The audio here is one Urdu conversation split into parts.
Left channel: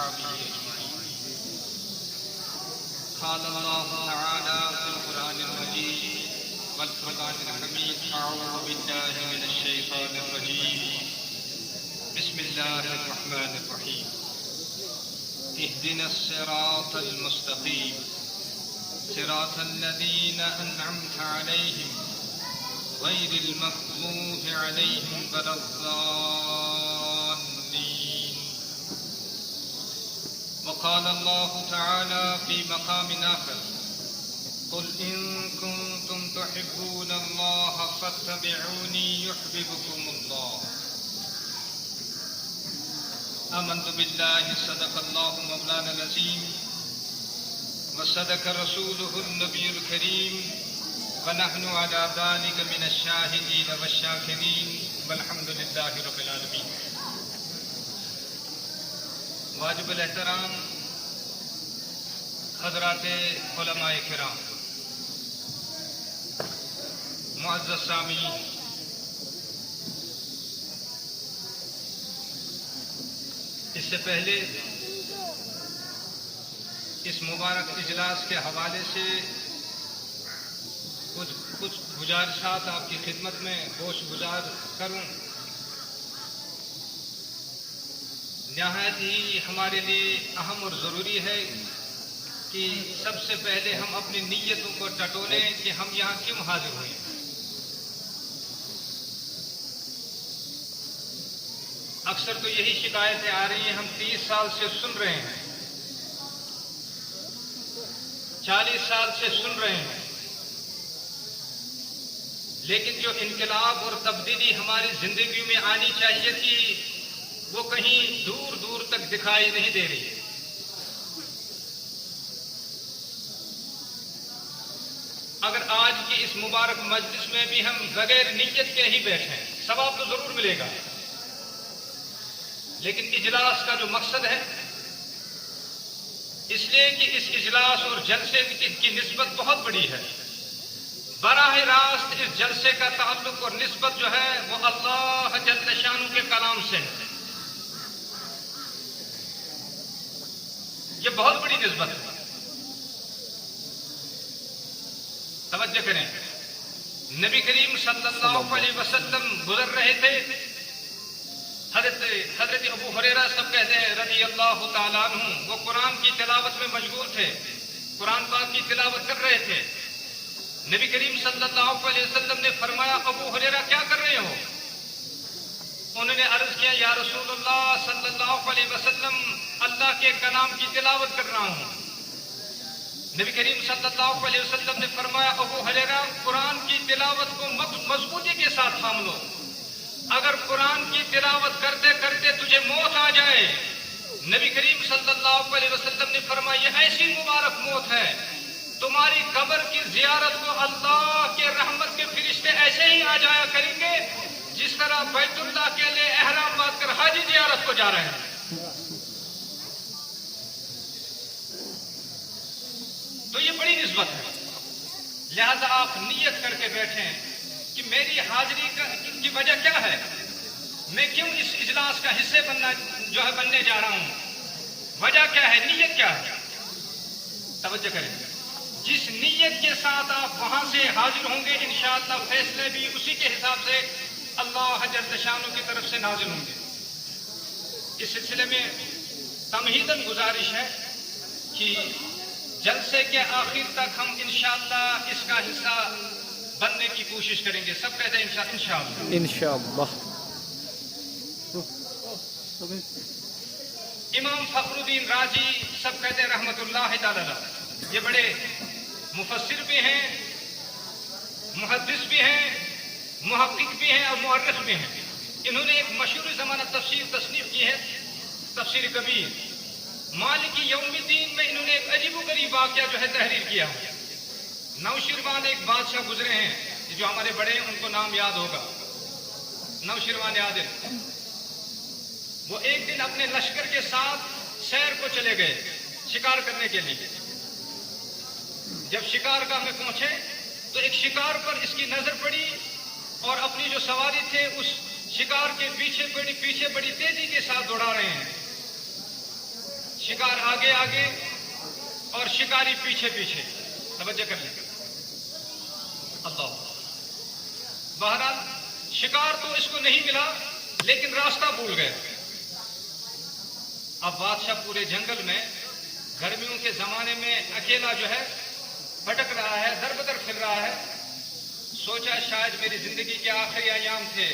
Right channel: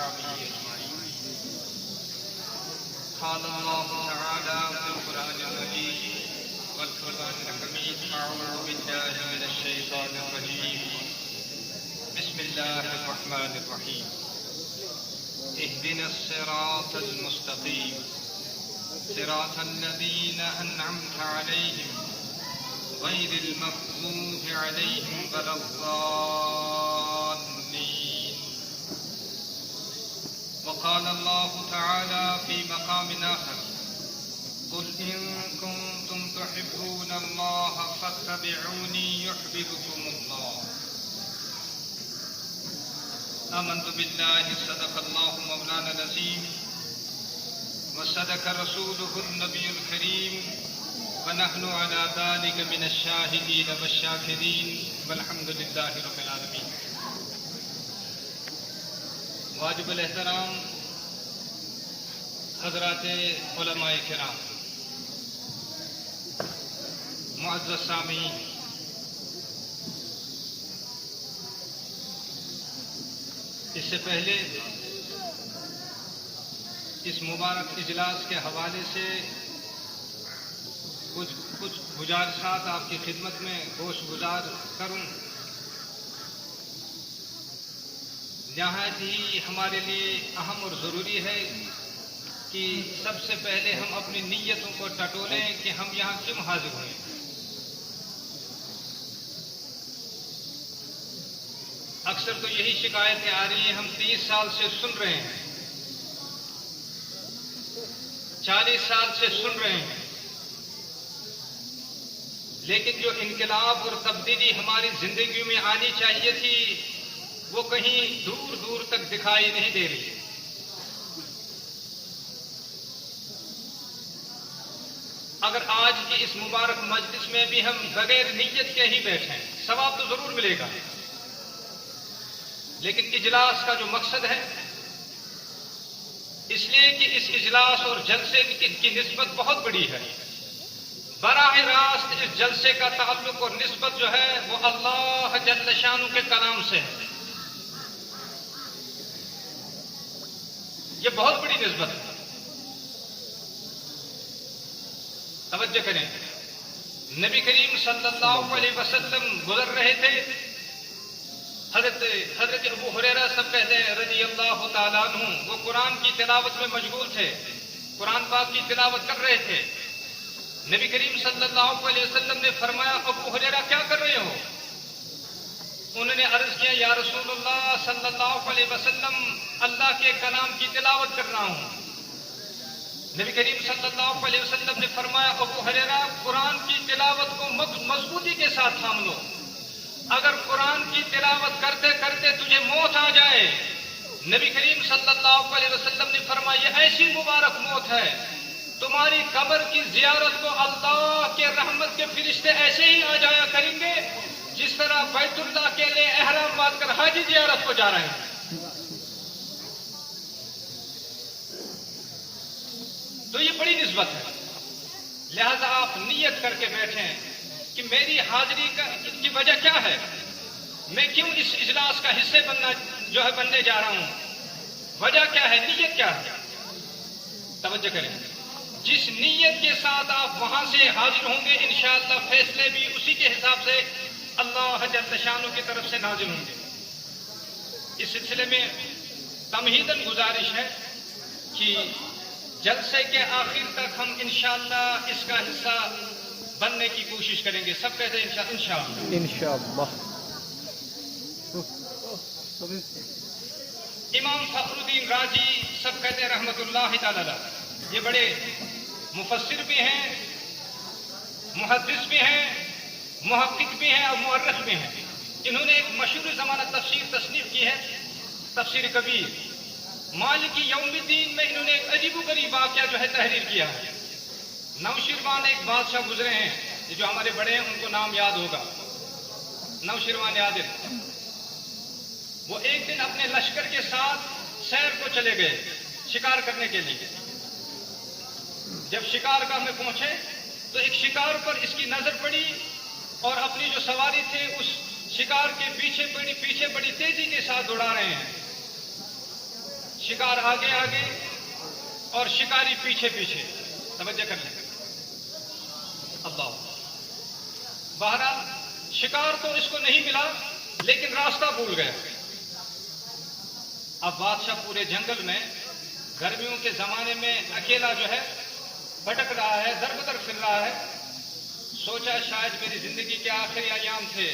وأصحابه أجمعين. قال الله تعالى في القرآن المجيد والفرقان الحميد: أعوذ بالله من الشيطان الرجيم. بسم الله الرحمن الرحيم. اهدنا الصراط المستقيم صراط الذين أنعمت عليهم غير المغضوب عليهم ولا الضالين. وقال الله تعالى في مقام آخر: قل إن كنتم تحبون الله فاتبعوني يحببكم الله. آمنت بالله صدق الله مولانا العظيم وصدق رسوله النبي الكريم ونحن على ذلك من الشاهدين والشاكرين والحمد لله رب العالمين. واجب الاحترام حضرات علماء کرام، معزز سامعین، اس سے پہلے اس مبارک اجلاس کے حوالے سے کچھ گزارشات آپ کی خدمت میں گوش گزار کروں. نہایت ہی ہمارے لیے اہم اور ضروری ہے کہ سب سے پہلے ہم اپنی نیتوں کو ٹٹولیں کہ ہم یہاں کیوں حاضر ہوئے. اکثر تو یہی شکایتیں آ رہی ہیں، ہم 30 سال سے سن رہے ہیں، 40 سال سے سن رہے ہیں، لیکن جو انقلاب اور تبدیلی ہماری زندگیوں میں آنی چاہیے تھی وہ کہیں دور دور تک دکھائی نہیں دے رہی. اگر آج کی اس مبارک مجلس میں بھی ہم بغیر نیت کے ہی بیٹھے ہیں، ثواب تو ضرور ملے گا، لیکن اجلاس کا جو مقصد ہے، اس لیے کہ اس اجلاس اور جلسے کی نسبت بہت بڑی ہے. براہ راست اس جلسے کا تعلق اور نسبت جو ہے وہ اللہ جل شانہ کے کلام سے ہے. یہ بہت بڑی نسبت ہے. توجہ کریں، نبی کریم صلی اللہ علیہ وسلم گزر رہے تھے. حضرت ابو ہریرہ سب کہتے ہیں رضی اللہ تعالیٰ عنہ، وہ قرآن کی تلاوت میں مشغول تھے، قرآن پاک کی تلاوت کر رہے تھے. نبی کریم صلی اللہ علیہ وسلم نے فرمایا: ابو ہریرہ کیا کر رہے ہو؟ انہوں نے عرض کیا: یا رسول اللہ صلی اللہ علیہ وسلم، اللہ کے کلام کی تلاوت کر رہا ہوں. نبی کریم صلی اللہ علیہ وسلم نے فرمایا: ابو ہریرہ، قرآن کی تلاوت کو مضبوطی کے ساتھ تھام لو. اگر قرآن کی تلاوت کرتے کرتے تجھے موت آ جائے، نبی کریم صلی اللہ علیہ وسلم نے فرمایا یہ ایسی مبارک موت ہے، تمہاری قبر کی زیارت کو اللہ کے رحمت کے فرشتے ایسے ہی آ جایا کریں گے جس طرح بیت اللہ کے لیے احرام باندھ کر حاجی زیارت کو جا رہے ہیں. تو یہ بڑی نسبت ہے. لہذا آپ نیت کر کے بیٹھیں کہ میری حاضری کی وجہ کیا ہے، میں کیوں اس اجلاس کا حصے بننے جا رہا ہوں، وجہ کیا ہے، نیت کیا ہے. توجہ کریں، جس نیت کے ساتھ آپ وہاں سے حاضر ہوں گے انشاءاللہ فیصلے بھی اسی کے حساب سے اللہ جل شانہ کی طرف سے نازل ہوں گے. اس سلسلے میں تمہیداً گزارش ہے کہ جلسے کے آخر تک ہم انشاءاللہ اس کا حصہ بننے کی کوشش کریں گے. سب کہتے ہیں انشاءاللہ. امام فخر الدین راضی سب کہتے ہیں رحمت اللہ تعالی، یہ بڑے مفسر بھی ہیں، محدث بھی ہیں، محقق بھی ہیں اور مؤرخ بھی ہیں. انہوں نے ایک مشہور زمانہ تفسیر تصنیف کی ہے، تفسیر کبیر. مالکی یوم الدین میں انہوں نے ایک عجیب و غریب واقعہ جو ہے تحریر کیا ہے. نوشیروان ایک بادشاہ گزرے ہیں، جو ہمارے بڑے ہیں ان کو نام یاد ہوگا، نوشیروان عادل. وہ ایک دن اپنے لشکر کے ساتھ سیر کو چلے گئے شکار کرنے کے لیے. جب شکار گاہ میں پہنچے تو ایک شکار پر اس کی نظر پڑی اور اپنی جو سواری تھے اس شکار کے پیچھے بڑی تیزی کے ساتھ دوڑا رہے ہیں. شکار آگے آگے اور شکاری پیچھے پیچھے. توجہ کر لیں. اللہ. بہرحال شکار تو اس کو نہیں ملا لیکن راستہ بھول گیا. اب بادشاہ پورے جنگل میں گرمیوں کے زمانے میں اکیلا جو ہے بھٹک رہا ہے, در بدر پھر رہا ہے. سوچا شاید میری زندگی کے آخری ایام تھے,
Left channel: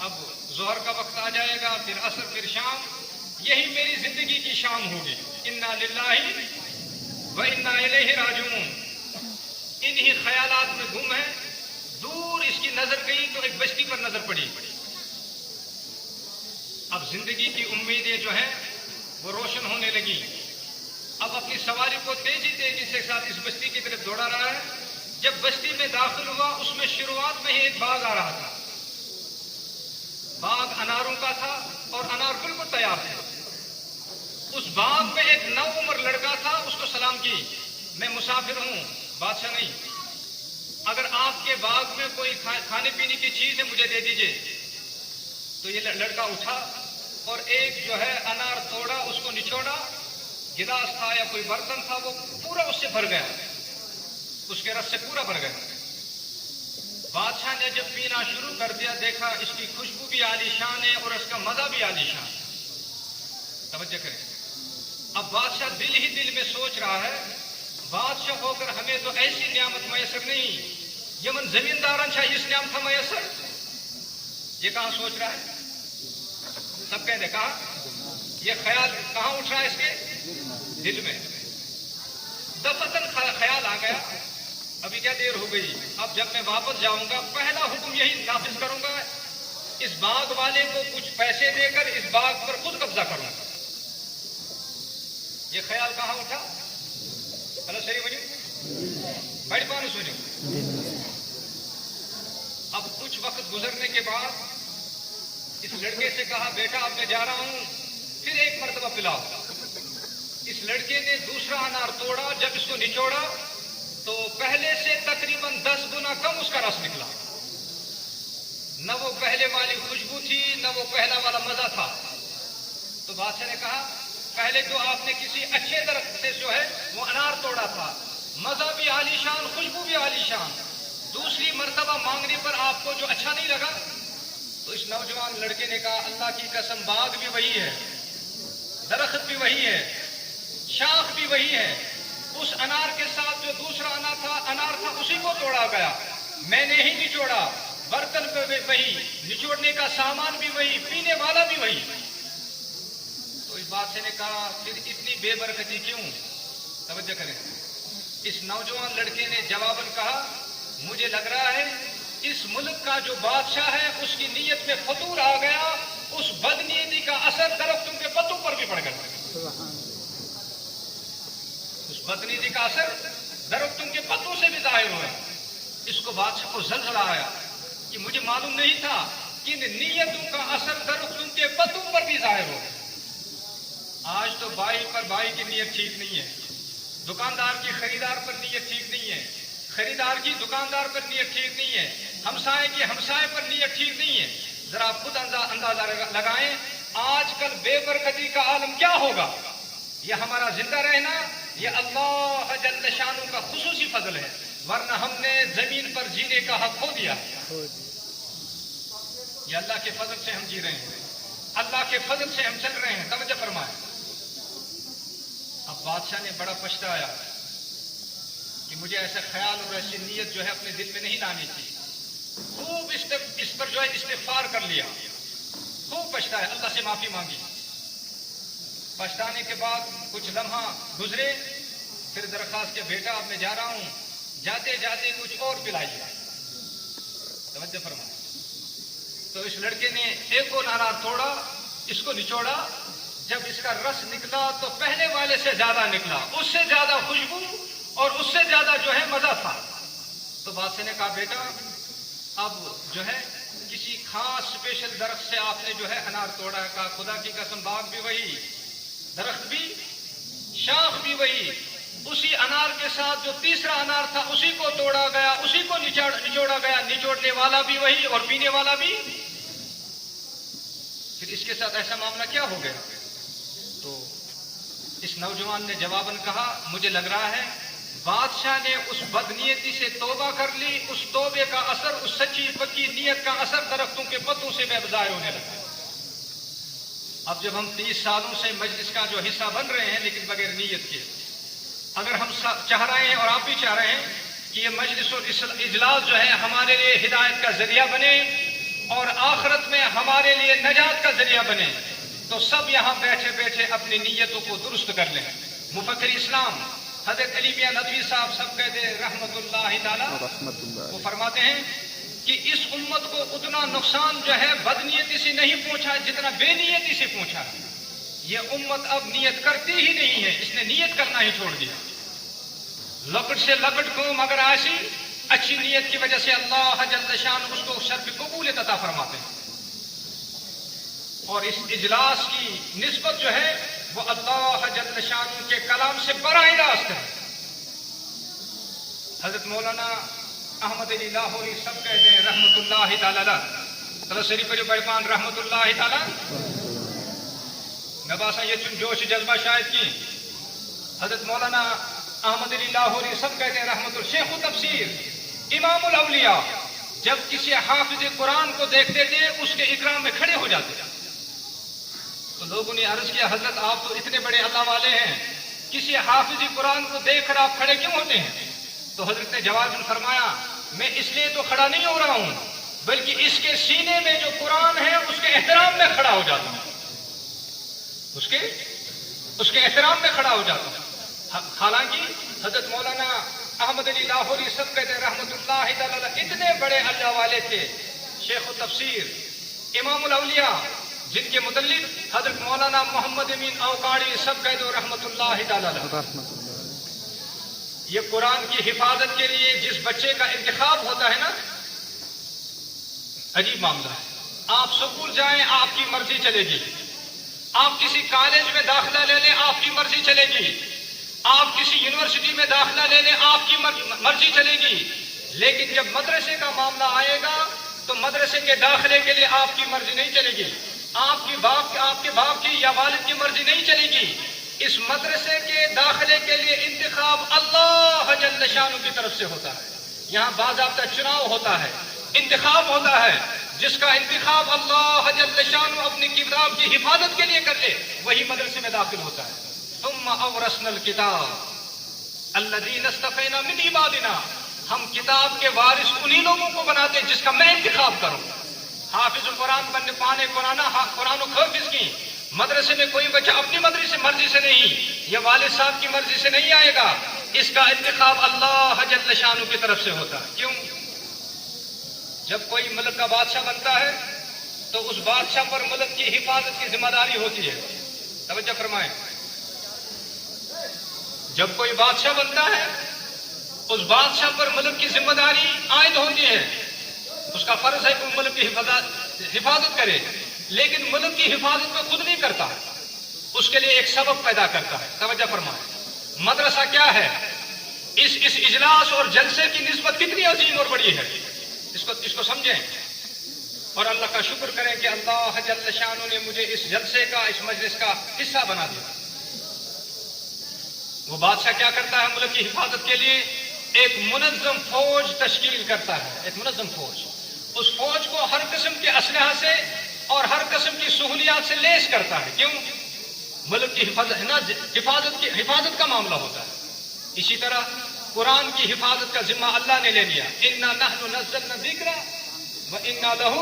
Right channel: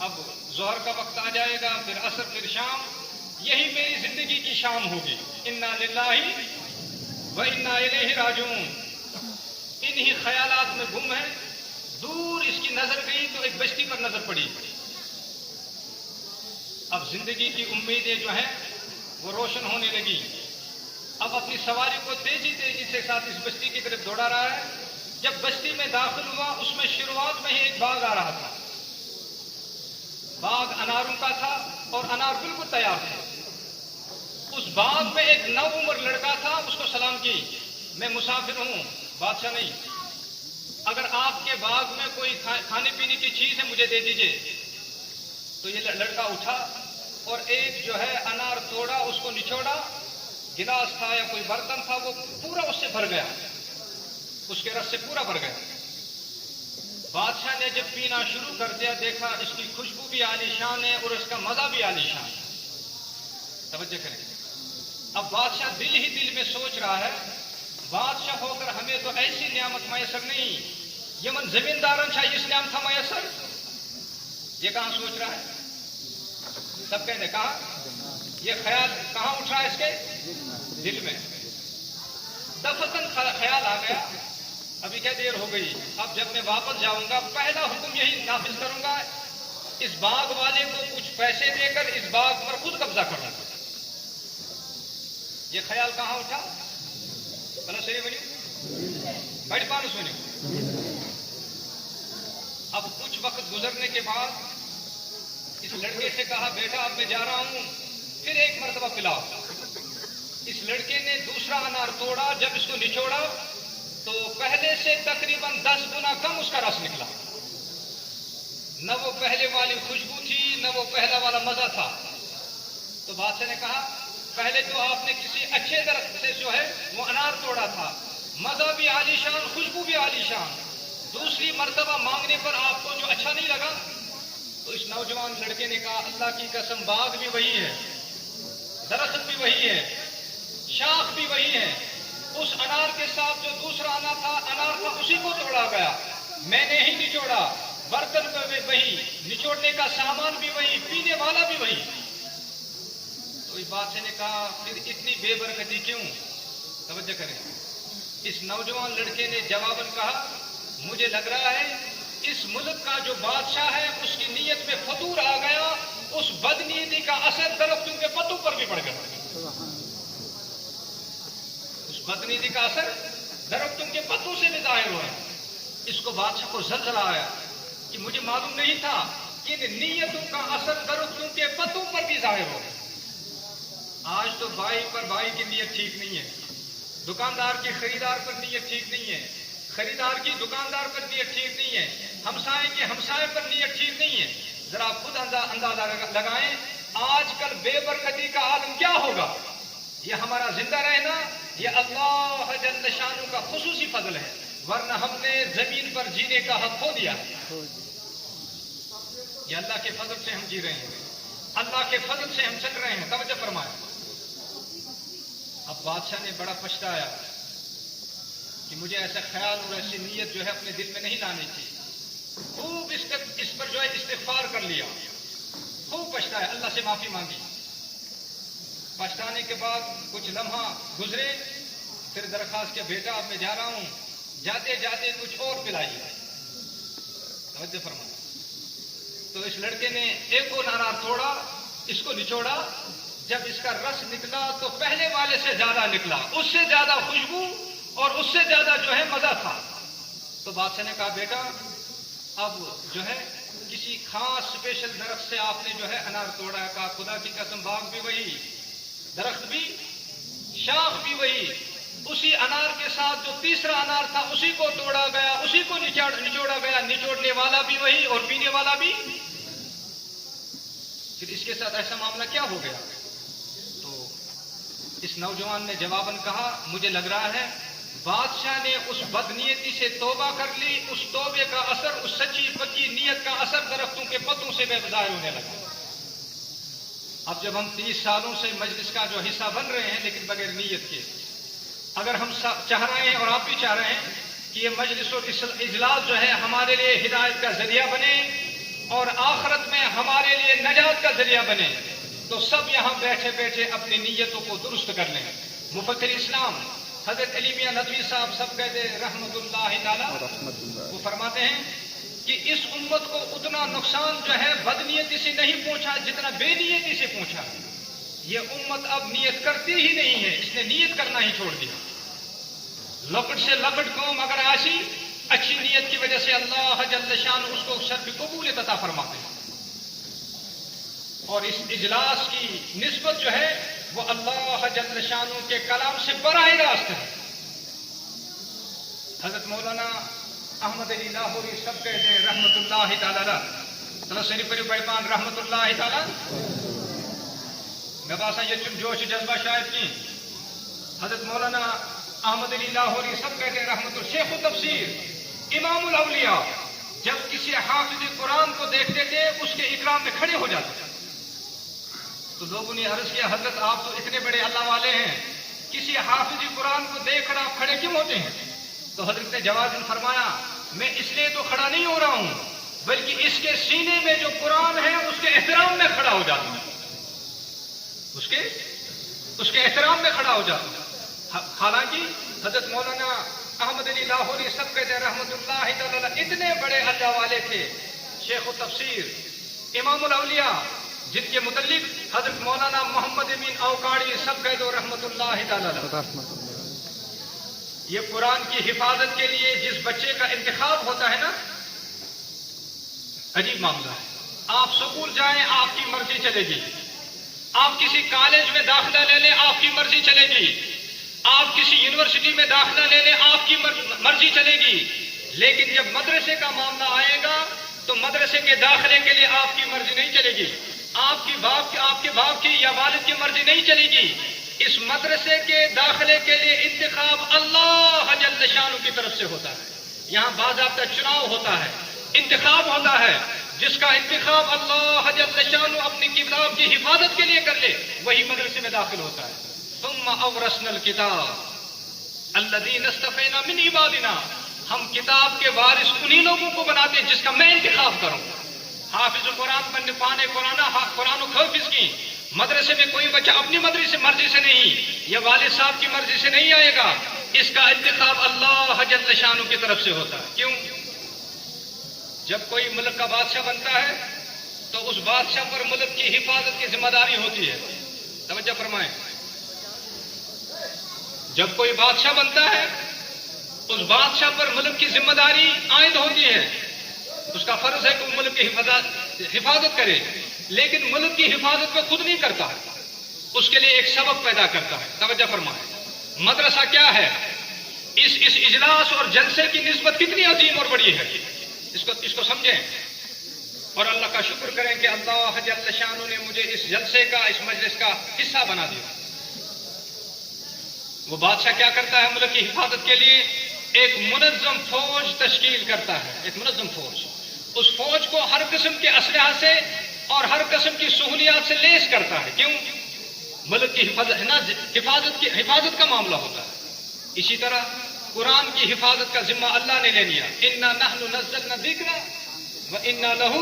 اب ظہر کا وقت آ جائے گا, پھر عصر, پھر شام, یہی میری زندگی کی شام ہوگی. انا للہ و انا الیہ راجعون. انہی خیالات میں گم ہے. دور اس کی نظر گئی تو ایک بستی پر نظر پڑی. اب زندگی کی امیدیں جو ہیں وہ روشن ہونے لگی. اب اپنی سواری کو تیزی تیزی سے ساتھ اس بستی کی طرف دوڑا رہا ہے. جب بستی میں داخل ہوا اس میں شروعات میں ہی ایک باغ آ رہا تھا. باغ اناروں کا تھا اور انار بالکل تیار تھے. اس باغ میں ایک نو عمر لڑکا تھا. اس کو سلام کی, میں مسافر ہوں, بادشاہ نہیں. اگر آپ کے باغ میں کوئی کھانے پینے کی چیز ہے مجھے دے دیجئے. تو یہ لڑکا اٹھا اور ایک جو ہے انار توڑا, اس کو نچوڑا. گلاس تھا یا کوئی برتن تھا وہ پورا اس سے بھر گیا, اس کے رس سے پورا بھر گیا. بادشاہ نے جب پینا شروع کر دیا دیکھا اس کی خوشبو بھی عالیشان ہے اور اس کا مزہ بھی عالیشان. توجہ کریں. اب بادشاہ دل ہی دل میں سوچ رہا ہے بادشاہ ہو کر ہمیں تو ایسی نعمت میسر نہیں, یمن زمیندارن چاہیے اس نعمت تھا میسر. یہ کہاں سوچ رہا ہے؟ سب کہتے کہاں, یہ خیال کہاں اٹھ رہا ہے اس کے دل میں. دفتن خیال آ گیا ابھی کیا دیر ہو گئی, اب جب میں واپس جاؤں گا پہلا حکم یہی نافذ کروں گا, اس باغ والے کو کچھ پیسے دے کر اس باغ پر خود قبضہ کرنا. یہ خیال کہاں اٹھا؟ چلو صحیح بنی بڑی بات سنو. اب کچھ وقت گزرنے کے بعد اس لڑکے سے کہا بیٹا اب میں جا رہا ہوں, پھر ایک مرتبہ پلاؤ. اس لڑکے نے دوسرا انار توڑا. جب اس کو نچوڑا تو پہلے سے تقریباً 10 گنا کم اس کا رس نکلا. نہ وہ پہلے والی خوشبو تھی نہ وہ پہلا والا مزہ تھا. تو بادشاہ نے کہا پہلے تو آپ نے کسی اچھے درخت سے جو ہے وہ انار توڑا تھا, مزہ بھی عالیشان, خوشبو بھی عالیشان. دوسری مرتبہ مانگنے پر آپ کو جو اچھا نہیں لگا. تو اس نوجوان لڑکے نے کہا اللہ کی قسم باغ بھی وہی ہے, درخت بھی وہی ہے, شاخ بھی وہی ہے. اس انار کے ساتھ جو دوسرا انار تھا اسی کو توڑا گیا, میں نے ہی نچوڑا. برتن بھی وہی, نچوڑنے کا سامان بھی وہی, پینے والا بھی وہی. تو اس بادشاہ نے کہا پھر اتنی بے برکتی کیوں؟ توجہ کریں. اس نوجوان لڑکے نے جواباً کہا مجھے لگ رہا ہے اس ملک کا جو بادشاہ ہے اس کی نیت میں فتور آ گیا, اس بدنیتی کا اثر درختوں کے پتوں پر بھی پڑ گیا. اس بدنیتی کا اثر درختوں کے پتوں سے بھی ظاہر ہوا. اس کو بادشاہ کو زلزلہ آیا کہ مجھے معلوم نہیں تھا کہ ان نیتوں کا اثر درختوں کے پتوں پر بھی ظاہر ہو. آج تو بھائی پر بھائی کی نیت ٹھیک نہیں ہے, دکاندار کی خریدار پر نیت ٹھیک نہیں ہے, خریدار کی دکاندار پر نیت ٹھیک نہیں ہے, ہمسائے کی ہمسائے پر نیت ٹھیک نہیں ہے. ذرا آپ خود اندازہ لگائیں آج کل بے برکتی کا عالم کیا ہوگا. یہ ہمارا زندہ رہنا یہ اللہ جل شانہ کا خصوصی فضل ہے, ورنہ ہم نے زمین پر جینے کا حق کھو دیا. یہ اللہ کے فضل سے ہم جی رہے ہیں, اللہ کے فضل سے ہم چل رہے ہیں. توجہ فرمائیں. اب بادشاہ نے بڑا پچھتایا کہ مجھے ایسا خیال اور ایسی نیت جو ہے اپنے دل میں نہیں لانی تھی. خوب اس پر جو ہے استغفار کر لیا, خوب پچھتایا, اللہ سے معافی مانگی. پچھتانے کے بعد کچھ لمحہ گزرے, پھر درخواست کے بیٹا اب میں جا رہا ہوں, جاتے جاتے کچھ اور پلائیے. توجہ فرمائیں. تو اس لڑکے نے ایک اور انار توڑا, اس کو نچوڑا. جب اس کا رس نکلا تو پہلے والے سے زیادہ نکلا, اس سے زیادہ خوشبو اور اس سے زیادہ جو ہے مزہ تھا. تو بادشاہ نے کہا بیٹا اب جو ہے کسی خاص اسپیشل درخت سے آپ نے جو ہے انار توڑا ہے. کہا خدا کی قسم باغ بھی وہی, درخت بھی, شاخ بھی وہی. اسی انار کے ساتھ جو تیسرا انار تھا اسی کو توڑا گیا, اسی کو نچوڑا گیا, نچوڑنے والا بھی وہی اور پینے والا بھی. پھر اس کے ساتھ ایسا معاملہ کیا ہو گیا؟ تو اس نوجوان نے جواباً کہا مجھے لگ رہا ہے بادشاہ نے اس بدنیتی سے توبہ کر لی، اس توبے کا اثر، اس سچی پکی نیت کا اثر درختوں کے پتوں سے بے ظاہر ہونے لگا۔ اب جب ہم 30 سالوں سے مجلس کا جو حصہ بن رہے ہیں لیکن بغیر نیت کے، اگر ہم چاہ رہے ہیں اور آپ بھی چاہ رہے ہیں کہ یہ مجلس اور اجلاس جو ہے ہمارے لیے ہدایت کا ذریعہ بنے اور آخرت میں ہمارے لیے نجات کا ذریعہ بنے، تو سب یہاں بیٹھے بیٹھے اپنی نیتوں کو درست کر لیں۔ مفکر اسلام حضرت علی میاں ندوی صاحب سب کہتے ہیں رحمت اللہ تعالی، وہ فرماتے ہیں کہ اس امت کو اتنا نقصان جو ہے بدنیتی سے نہیں پہنچا جتنا بے نیتی سے پہنچا ہے۔ یہ امت اب نیت کرتی ہی نہیں ہے، اس نے نیت کرنا ہی چھوڑ دیا۔ لکڑ سے لکڑ قوم اگر ایسی اچھی نیت کی وجہ سے اللہ جل شان اس کو شرف قبولیت عطا فرماتے ہیں، اور اس اجلاس کی نسبت جو ہے وہ اللہ جل شانوں کے کلام سے براہ راست ہے۔ حضرت مولانا احمد علی لاہوری سب کہتے ہیں رحمت اللہ تعالی شریف علی بڑپان رحمت اللہ تعالی میں باسا یہ جوش جذبہ شاید کی حضرت مولانا احمد علی لاہوری سب کہتے ہیں رحمت الشیخ و تفسیر امام الاولیاء جب کسی حافظ قرآن کو دیکھتے تھے اس کے اکرام میں کھڑے ہو جاتے تھے، تو لوگوں نے عرض کیا حضرت آپ تو اتنے بڑے اللہ والے ہیں، کسی حافظ قرآن کو دیکھ کر آپ کھڑے کیوں ہوتے ہیں؟ تو حضرت نے جواب فرمایا میں اس لیے تو کھڑا نہیں ہو رہا ہوں بلکہ اس کے سینے میں جو قرآن ہے اس کے احترام میں کھڑا ہو جاتا ہوں، اس کے احترام میں کھڑا ہو جاتا ہوں۔ حالانکہ حضرت مولانا احمد علی لاہوری سب کہتے ہیں رحمت اللہ تعالی اتنے بڑے اللہ والے تھے، شیخ التفسیر امام الاولیاء جن کے متعلق حضرت مولانا محمد امین اوقاڑی سب کہتے ہیں رحمت اللہ تعالی۔ یہ قرآن کی حفاظت کے لیے جس بچے کا انتخاب ہوتا ہے نا، عجیب معاملہ ہے۔ آپ سکول جائیں آپ کی مرضی چلے گی، آپ کسی کالج میں داخلہ لے لیں آپ کی مرضی چلے گی، آپ کسی یونیورسٹی میں داخلہ لے لیں آپ کی مرضی چلے گی، لیکن جب مدرسے کا معاملہ آئے گا تو مدرسے کے داخلے کے لیے آپ کی مرضی نہیں چلے گی، آپ کے باپ کی یا والد کی مرضی نہیں چلے گی۔ اس مدرسے کے داخلے کے لیے انتخاب اللہ جل شانہ کی طرف سے ہوتا ہے، یہاں باضابطہ چناؤ ہوتا ہے، انتخاب ہوتا ہے، جس کا انتخاب اللہ جل شانہ اپنی کتاب کی حفاظت کے لیے کر لے وہی مدرسے میں داخل ہوتا ہے۔ ثم اورثنا الکتاب الذین اصطفینا من عبادنا، ہم کتاب کے وارث انہی لوگوں کو بناتے ہیں جس کا میں انتخاب کروں۔ حافظ قرآن بننے پانے قرآن و حافظ کی مدرسے میں کوئی بچہ اپنی مرضی سے نہیں، یہ والد صاحب کی مرضی سے نہیں آئے گا، اس کا انتخاب اللہ جل شانہ کی طرف سے ہوتا ہے۔ کیوں؟ جب کوئی ملک کا بادشاہ بنتا ہے تو اس بادشاہ پر ملک کی حفاظت کی ذمہ داری ہوتی ہے۔ توجہ فرمائیں، جب کوئی بادشاہ بنتا ہے اس بادشاہ پر ملک کی ذمہ داری عائد ہوتی ہے، اس کا فرض ہے کہ وہ ملک کی حفاظت کرے، لیکن ملک کی حفاظت میں خود نہیں کرتا، اس کے لیے ایک سبب پیدا کرتا ہے۔ توجہ فرمائیں، مدرسہ کیا ہے، اس اجلاس اور جلسے کی نسبت کتنی عظیم اور بڑی ہے، اس کو سمجھیں اور اللہ کا شکر کریں کہ اللہ جل شانہ نے مجھے اس جلسے کا، اس مجلس کا حصہ بنا دیا۔ وہ بادشاہ کیا کرتا ہے ملک کی حفاظت کے لیے؟ ایک منظم فوج تشکیل کرتا ہے، ایک منظم فوج، اس فوج کو ہر قسم کے اسلحہ سے اور ہر قسم کی سہولیات سے لیس کرتا ہے۔ کیوں؟ ملک کی حفاظت کا معاملہ ہوتا ہے۔ اسی طرح قرآن کی حفاظت کا ذمہ اللہ نے لے لیا، انا نحن نزلنا الذکر وانا لہ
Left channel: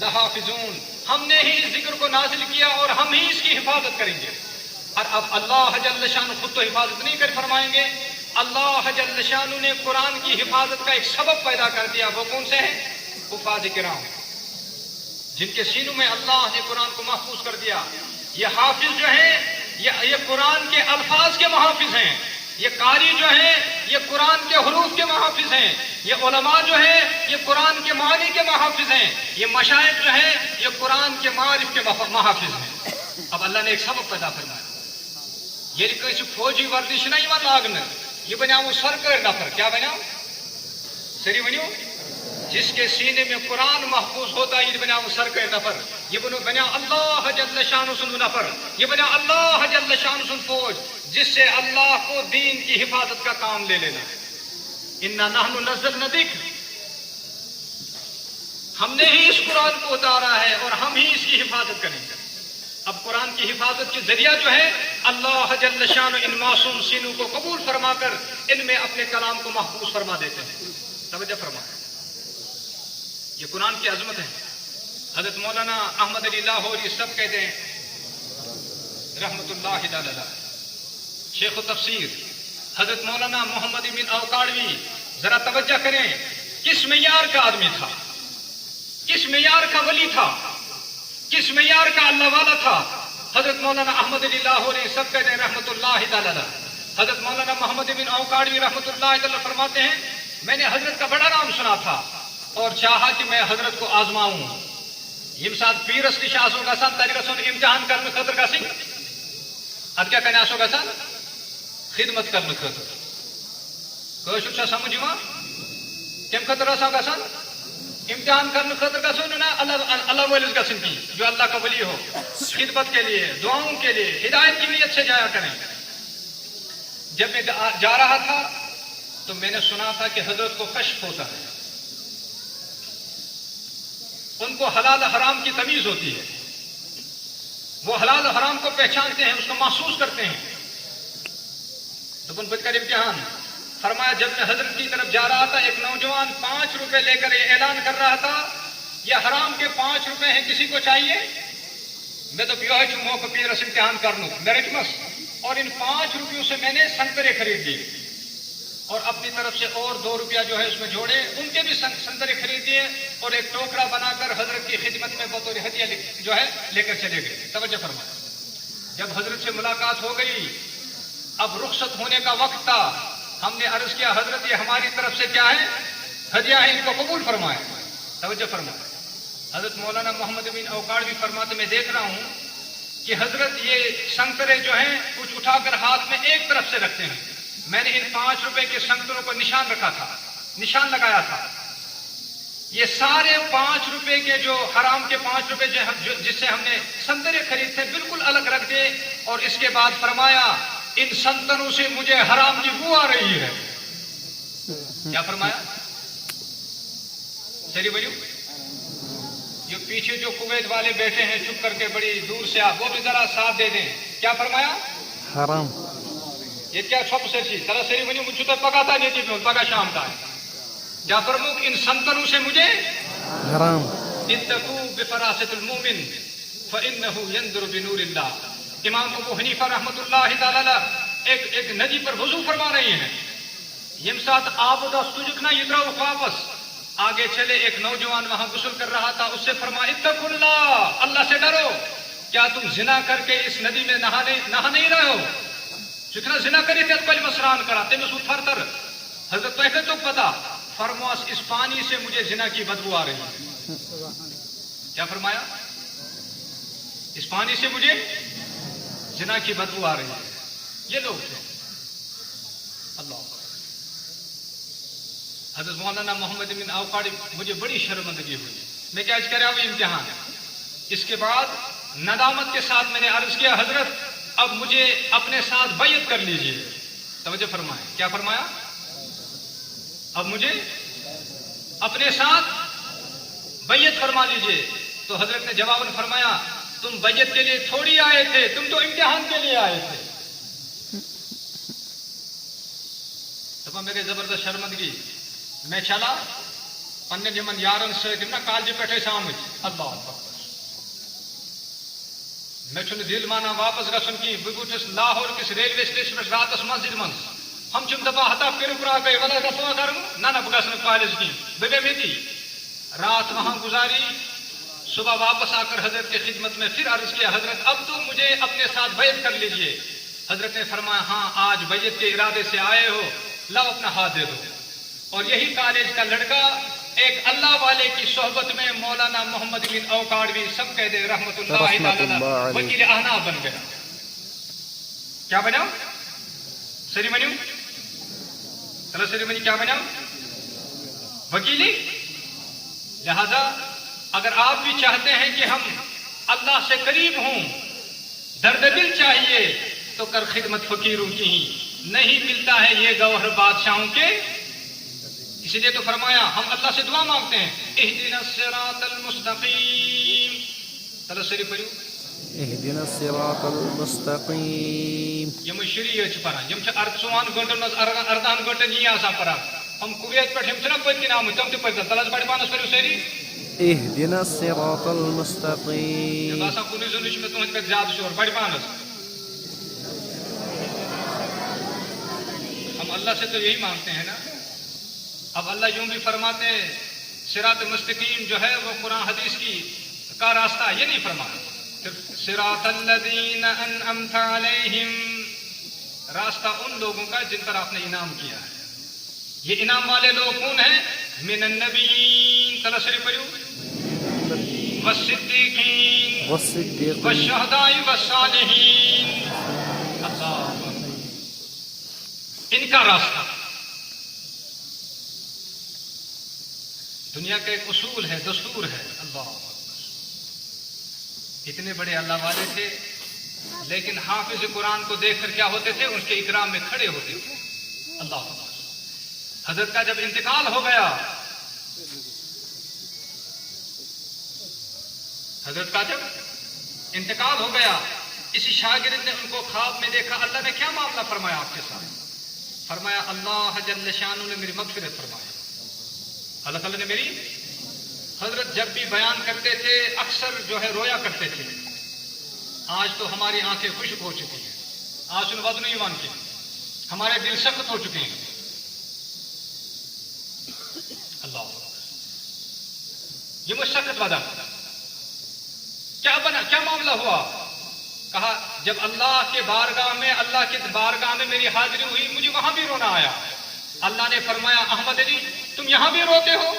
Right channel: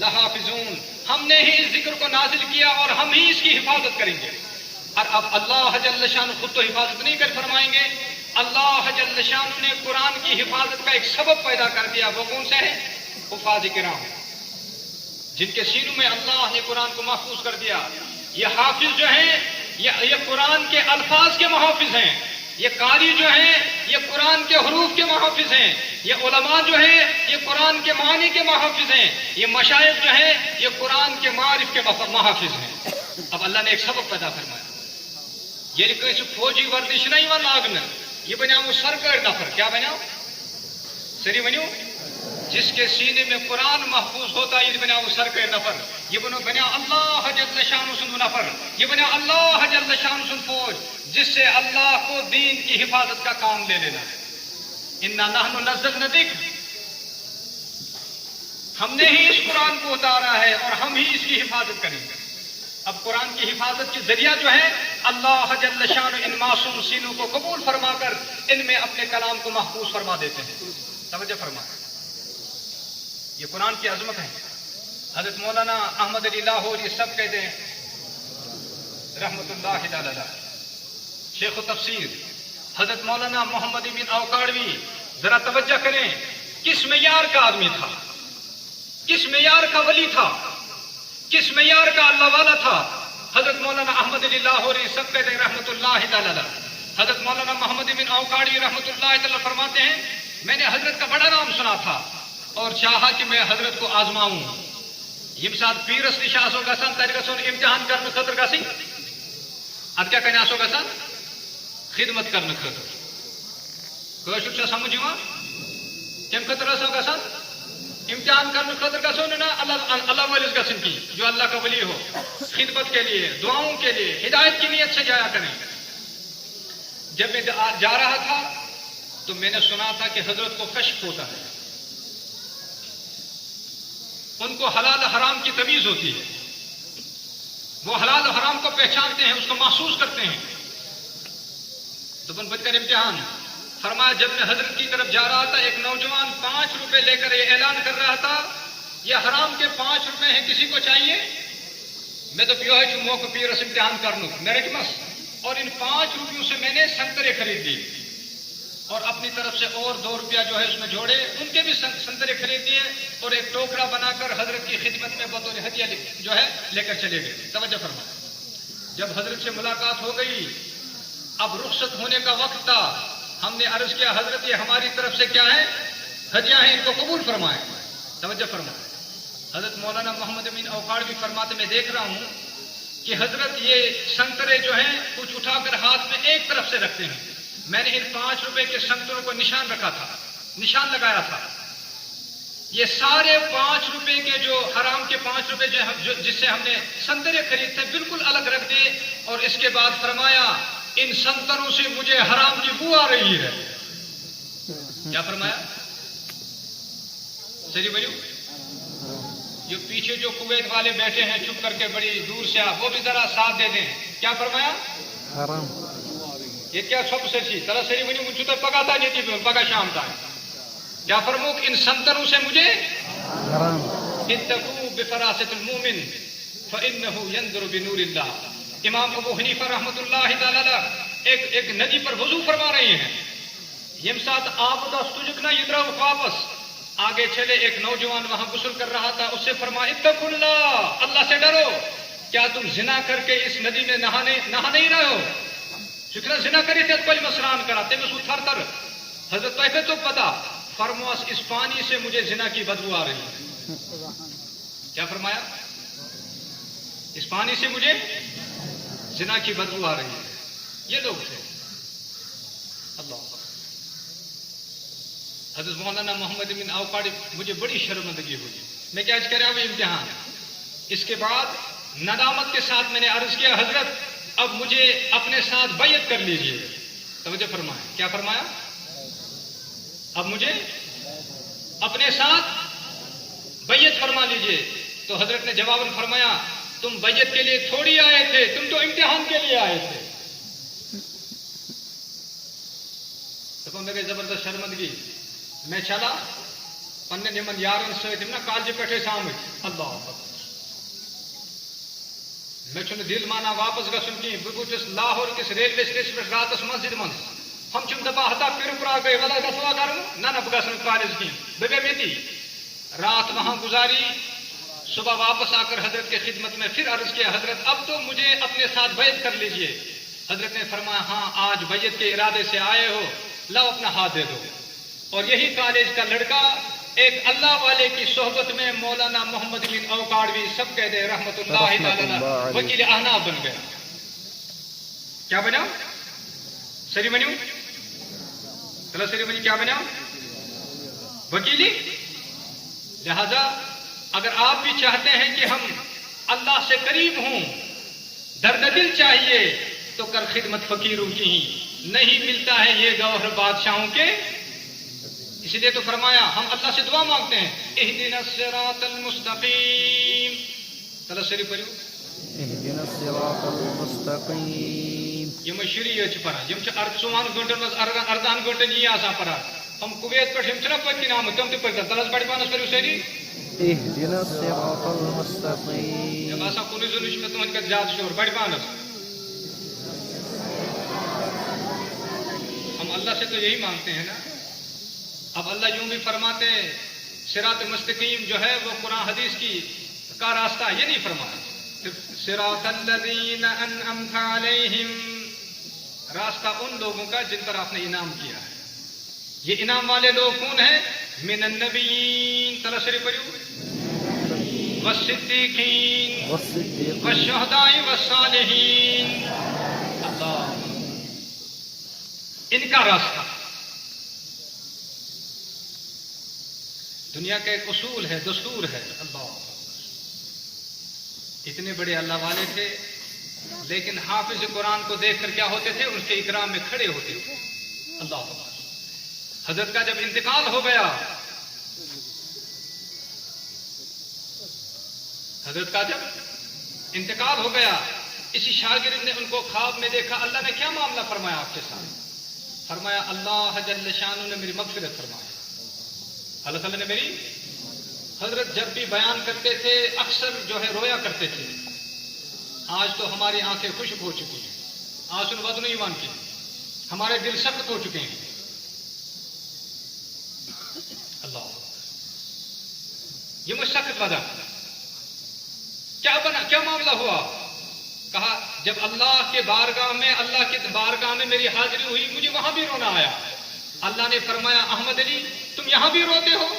لحافظون، ہم نے ہی اس ذکر کو نازل کیا اور ہم ہی اس کی حفاظت کریں گے۔ اور اب اللہ جل شانہ خود تو حفاظت نہیں کر فرمائیں گے، اللہ جل شانہ نے قرآن کی حفاظت کا ایک سبب پیدا کر دیا، وہ کون سے ہے؟ حفاظ کرام، جن کے سینوں میں اللہ نے قرآن کو محفوظ کر دیا۔ یہ حافظ جو ہیں یہ قرآن کے الفاظ کے محافظ ہیں، یہ قاری جو ہیں یہ قرآن کے حروف کے محافظ ہیں، یہ علماء جو ہیں یہ قرآن کے معنی کے محافظ ہیں، یہ مشائخ جو ہیں یہ قرآن کے معارف کے محافظ ہیں۔ اب اللہ نے ایک سبب پیدا فرمایا، یہ کوئی فوجی ورزش نہیں وہ لاگنا، یہ بنیا وہ سرکار نفر، کیا بنیا؟ سری بنیو جس کے سینے میں قرآن محفوظ ہوتا ہے، یہ بنا وہ سر کے نفر، یہ بنا اللہ جل شان سن نفر، یہ بنا اللہ جل شان سن فوج، جس سے اللہ کو دین کی حفاظت کا کام لے لینا ہے۔ انا نحن نزلنا الذکر، ہم نے ہی اس قرآن کو اتارا ہے اور ہم ہی اس کی حفاظت کریں گے۔ اب قرآن کی حفاظت کے ذریعہ جو ہے اللہ جل شان ان معصوم سینوں کو قبول فرما کر ان میں اپنے کلام کو محفوظ فرما دیتے ہیں۔ توجہ فرمائیں، یہ قرآن کی عظمت ہے۔ حضرت مولانا احمد علی لاہور یہ سب کہتے ہیں رحمت اللہ تعالی، شیخ و تفسیر حضرت مولانا محمد بن اوقاڑوی، ذرا توجہ کریں کس معیار کا آدمی تھا، کس معیار کا ولی تھا، کس معیار کا اللہ والا تھا۔ حضرت مولانا احمد علی لاہوری سب کہتے ہیں رحمت اللہ تعالی۔ حضرت مولانا محمد بن اوقاڑوی رحمت اللہ تعالی فرماتے ہیں میں نے حضرت کا بڑا نام سنا تھا اور چاہا کہ میں حضرت کو آزماؤں۔ یم سات پیرس نش آسو گژھان تتہ گژھن امتحان کرنے خاطر گژھن، اد کیا کہنے آسو گژھان خدمت کرنے خاطر۔ کٲشُر چھا سمجھ یوان؟ کمہِ خاطر آسو گژھان امتحان کرنے خاطر گژھو نا اللہ والس گژھن کی، جو اللہ کا ولی ہو، خدمت کے لیے، دعاؤں کے لیے، ہدایت کی نیت سے جایا کریں۔ جب میں جا رہا تھا تو میں نے سنا تھا کہ حضرت کو کشف ہوتا ہے، ان کو حلال حرام کی تمیز ہوتی ہے، وہ حلال حرام کو پہچانتے ہیں، اس کو محسوس کرتے ہیں۔ تو بن بد کر امتحان فرمایا جب میں حضرت کی طرف جا رہا تھا ایک نوجوان 5 روپے لے کر یہ اعلان کر رہا تھا یہ حرام کے 5 روپے ہیں، کسی کو چاہیے؟ میں تو پیو ہے موقع پیرس امتحان کر لوں میرے مس، اور ان 5 روپیوں سے میں نے سنترے خرید لیے اور اپنی طرف سے اور 2 روپیہ جو ہے اس میں جوڑے، ان کے بھی سنترے خرید دیے اور ایک ٹوکرا بنا کر حضرت کی خدمت میں بطور ہدیہ جو ہے لے کر چلے گئے۔ توجہ فرما، جب حضرت سے ملاقات ہو گئی، اب رخصت ہونے کا وقت تھا، ہم نے عرض کیا حضرت یہ ہماری طرف سے کیا ہے، ہدیہ ہے، ان کو قبول فرمائیں۔ توجہ فرمائیں، حضرت مولانا محمد بن اوقاڑوی فرماتے میں دیکھ رہا ہوں کہ حضرت یہ سنترے جو ہیں کچھ اٹھا کر ہاتھ میں ایک طرف سے رکھتے ہیں، میں نے ان 5 روپے کے سنتروں کو نشان رکھا تھا، نشان لگایا تھا، یہ سارے 5 روپے کے جو حرام کے 5 روپے جس سے ہم نے سنترے خرید تھے بالکل الگ رکھ دے، اور اس کے بعد فرمایا ان سنتروں سے مجھے حرام کی بو آ رہی ہے۔ کیا فرمایا؟ چلیے بولو، یہ پیچھے جو کویت والے بیٹھے ہیں چپ کر کے بڑی دور سے آپ وہ بھی ذرا ساتھ دے دیں۔ کیا فرمایا؟ حرام۔ یہ کیا چھپ سے سی طرح سے بولو مجھے تو پکا تھا نہیں تھی پکا شام تھا۔ کیا فرمو ان سنتروں سے مجھے حرام۔ اتقوا بفراست المومن فانه ينظر بنور اللہ۔ امام ابو حنیفہ رحمۃ اللہ تعالی ایک ندی پر وضو فرما رہی ہیں، یم ساتھ آپ دس تجھنا یہ طرح واپس آگے چلے، ایک نوجوان وہاں غسل کر رہا تھا، اس سے فرمایا اتقوا اللہ، اللہ سے ڈرو، کیا تم زنا کر کے اس ندی میں نہا نہیں رہے ہو؟ جتنا زنا کری تھے پہلے مسران کرا تے میں سو تھر تر حضرت تو پتا فرماس اس پانی سے مجھے زنا کی بدبو آ رہی ہے۔ کیا فرمایا؟ اس پانی سے مجھے زنا کی بدبو آ رہی ہے۔ یہ لوگ تھے۔ اللہ حضرت مولانا محمد بن اوقاڑی، مجھے بڑی شرمندگی ہوئی، میں کیا کرا ہوئی امتحان۔ اس کے بعد ندامت کے ساتھ میں نے عرض کیا حضرت اب مجھے اپنے ساتھ بیعت کر لیجئے۔ توجہ فرمائیں، کیا فرمایا؟ اب مجھے اپنے ساتھ بیعت فرما لیجئے۔ تو حضرت نے جواباً فرمایا تم بیعت کے لیے تھوڑی آئے تھے، تم تو امتحان کے لیے آئے تھے۔ تو میرے زبردست شرمندگی، میں چلا پنہ نمن یارن ست کالجہ پہ اللہ اکبر، میں دل مانا واپس گھن کی، بہ وچس لاہور کس ریلوے سٹیشن پہ راتس مسجد من، ہم دپان ہتا پھر گئے مطلب گھوا کر نہ بہ گھن کالج کی، بہ گئی میتی رات وہاں گزاری، صبح واپس آ کر حضرت کی خدمت میں پھر عرض کیا حضرت اب تو مجھے اپنے ساتھ بیعت کر لیجئے۔ حضرت نے فرمایا ہاں آج بیعت کے ارادے سے آئے ہو، لاؤ اپنا ہاتھ دے دو۔ اور یہی کالج کا لڑکا ایک اللہ والے کی صحبت میں مولانا محمد بن اوقاڑوی سب کہہ دے رحمت اللہ تعالی وکیل احناف بن گیا۔ کیا بنیا؟ سری بنیو، سری بنی کیا بنیا؟ وکیلی لہذا اگر آپ بھی چاہتے ہیں کہ ہم اللہ سے قریب ہوں، درد دل چاہیے تو کر خدمت فقیروں کی ہی، نہیں ملتا ہے یہ گوہر بادشاہوں کے، اس لیے تو فرمایا ہم اللہ سے دعا مانگتے ہیں اہدنا الصراط المستقیم. چلو شریف پڑھو اهدنا الصراط المستقیم. یہ شریع پڑھان یہ 24 گھنٹن مز 18 گھنٹن یہ آسان پڑھان. ہم کویت پہ چھنا پتہ نام تم تہ پڑھان تلس پڑھ پانس پڑھو ساری اهدنا الصراط المستقیم. باسا کُنہِ زن وچھ مےٚ تُہنٛدِ پٮ۪ٹھ زیادٕ شور بڑِ پانس. ہم اللہ سے تو یہی مانگتے ہیں نا. اب اللہ یوں بھی فرماتے ہیں صراط مستقیم جو ہے وہ قرآن حدیث کی کا راستہ، یہ نہیں فرماتا صراط الذین انعمت علیہم، راستہ ان لوگوں کا جن پر آپ نے انعام کیا ہے. یہ انعام والے لوگ کون ہیں؟ من النبیین تلا شریف پڑھو والصدیقین والشہداء والصالحین. اللہ ان کا راستہ. دنیا کا ایک اصول ہے، دستور ہے. اللہ اتنے بڑے اللہ والے تھے لیکن حافظ قرآن کو دیکھ کر کیا ہوتے تھے؟ ان کے اکرام میں کھڑے ہوتے تھے. اللہ حضرت کا جب انتقال ہو گیا، حضرت کا جب انتقال ہو گیا، اسی شاگرد نے ان کو خواب میں دیکھا. اللہ نے کیا معاملہ فرمایا آپ کے ساتھ؟ فرمایا اللہ جل شانہ نے میری مغفرت فرمایا. اللہ تعالیٰ نے میری. حضرت جب بھی بیان کرتے تھے اکثر جو ہے رویا کرتے تھے. آج تو ہماری آنکھیں خشک ہو چکی ہیں، آنسو ودن ایمان کے، ہمارے دل سخت ہو چکے ہیں. اللہ یہ مجھ سخت وعدہ کیا بنا، کیا معاملہ ہوا؟ کہا جب اللہ کے بارگاہ میں، اللہ کے بارگاہ میں میری حاضری ہوئی مجھے وہاں بھی رونا آیا. اللہ نے فرمایا احمد علی تم یہاں بھی روتے ہو؟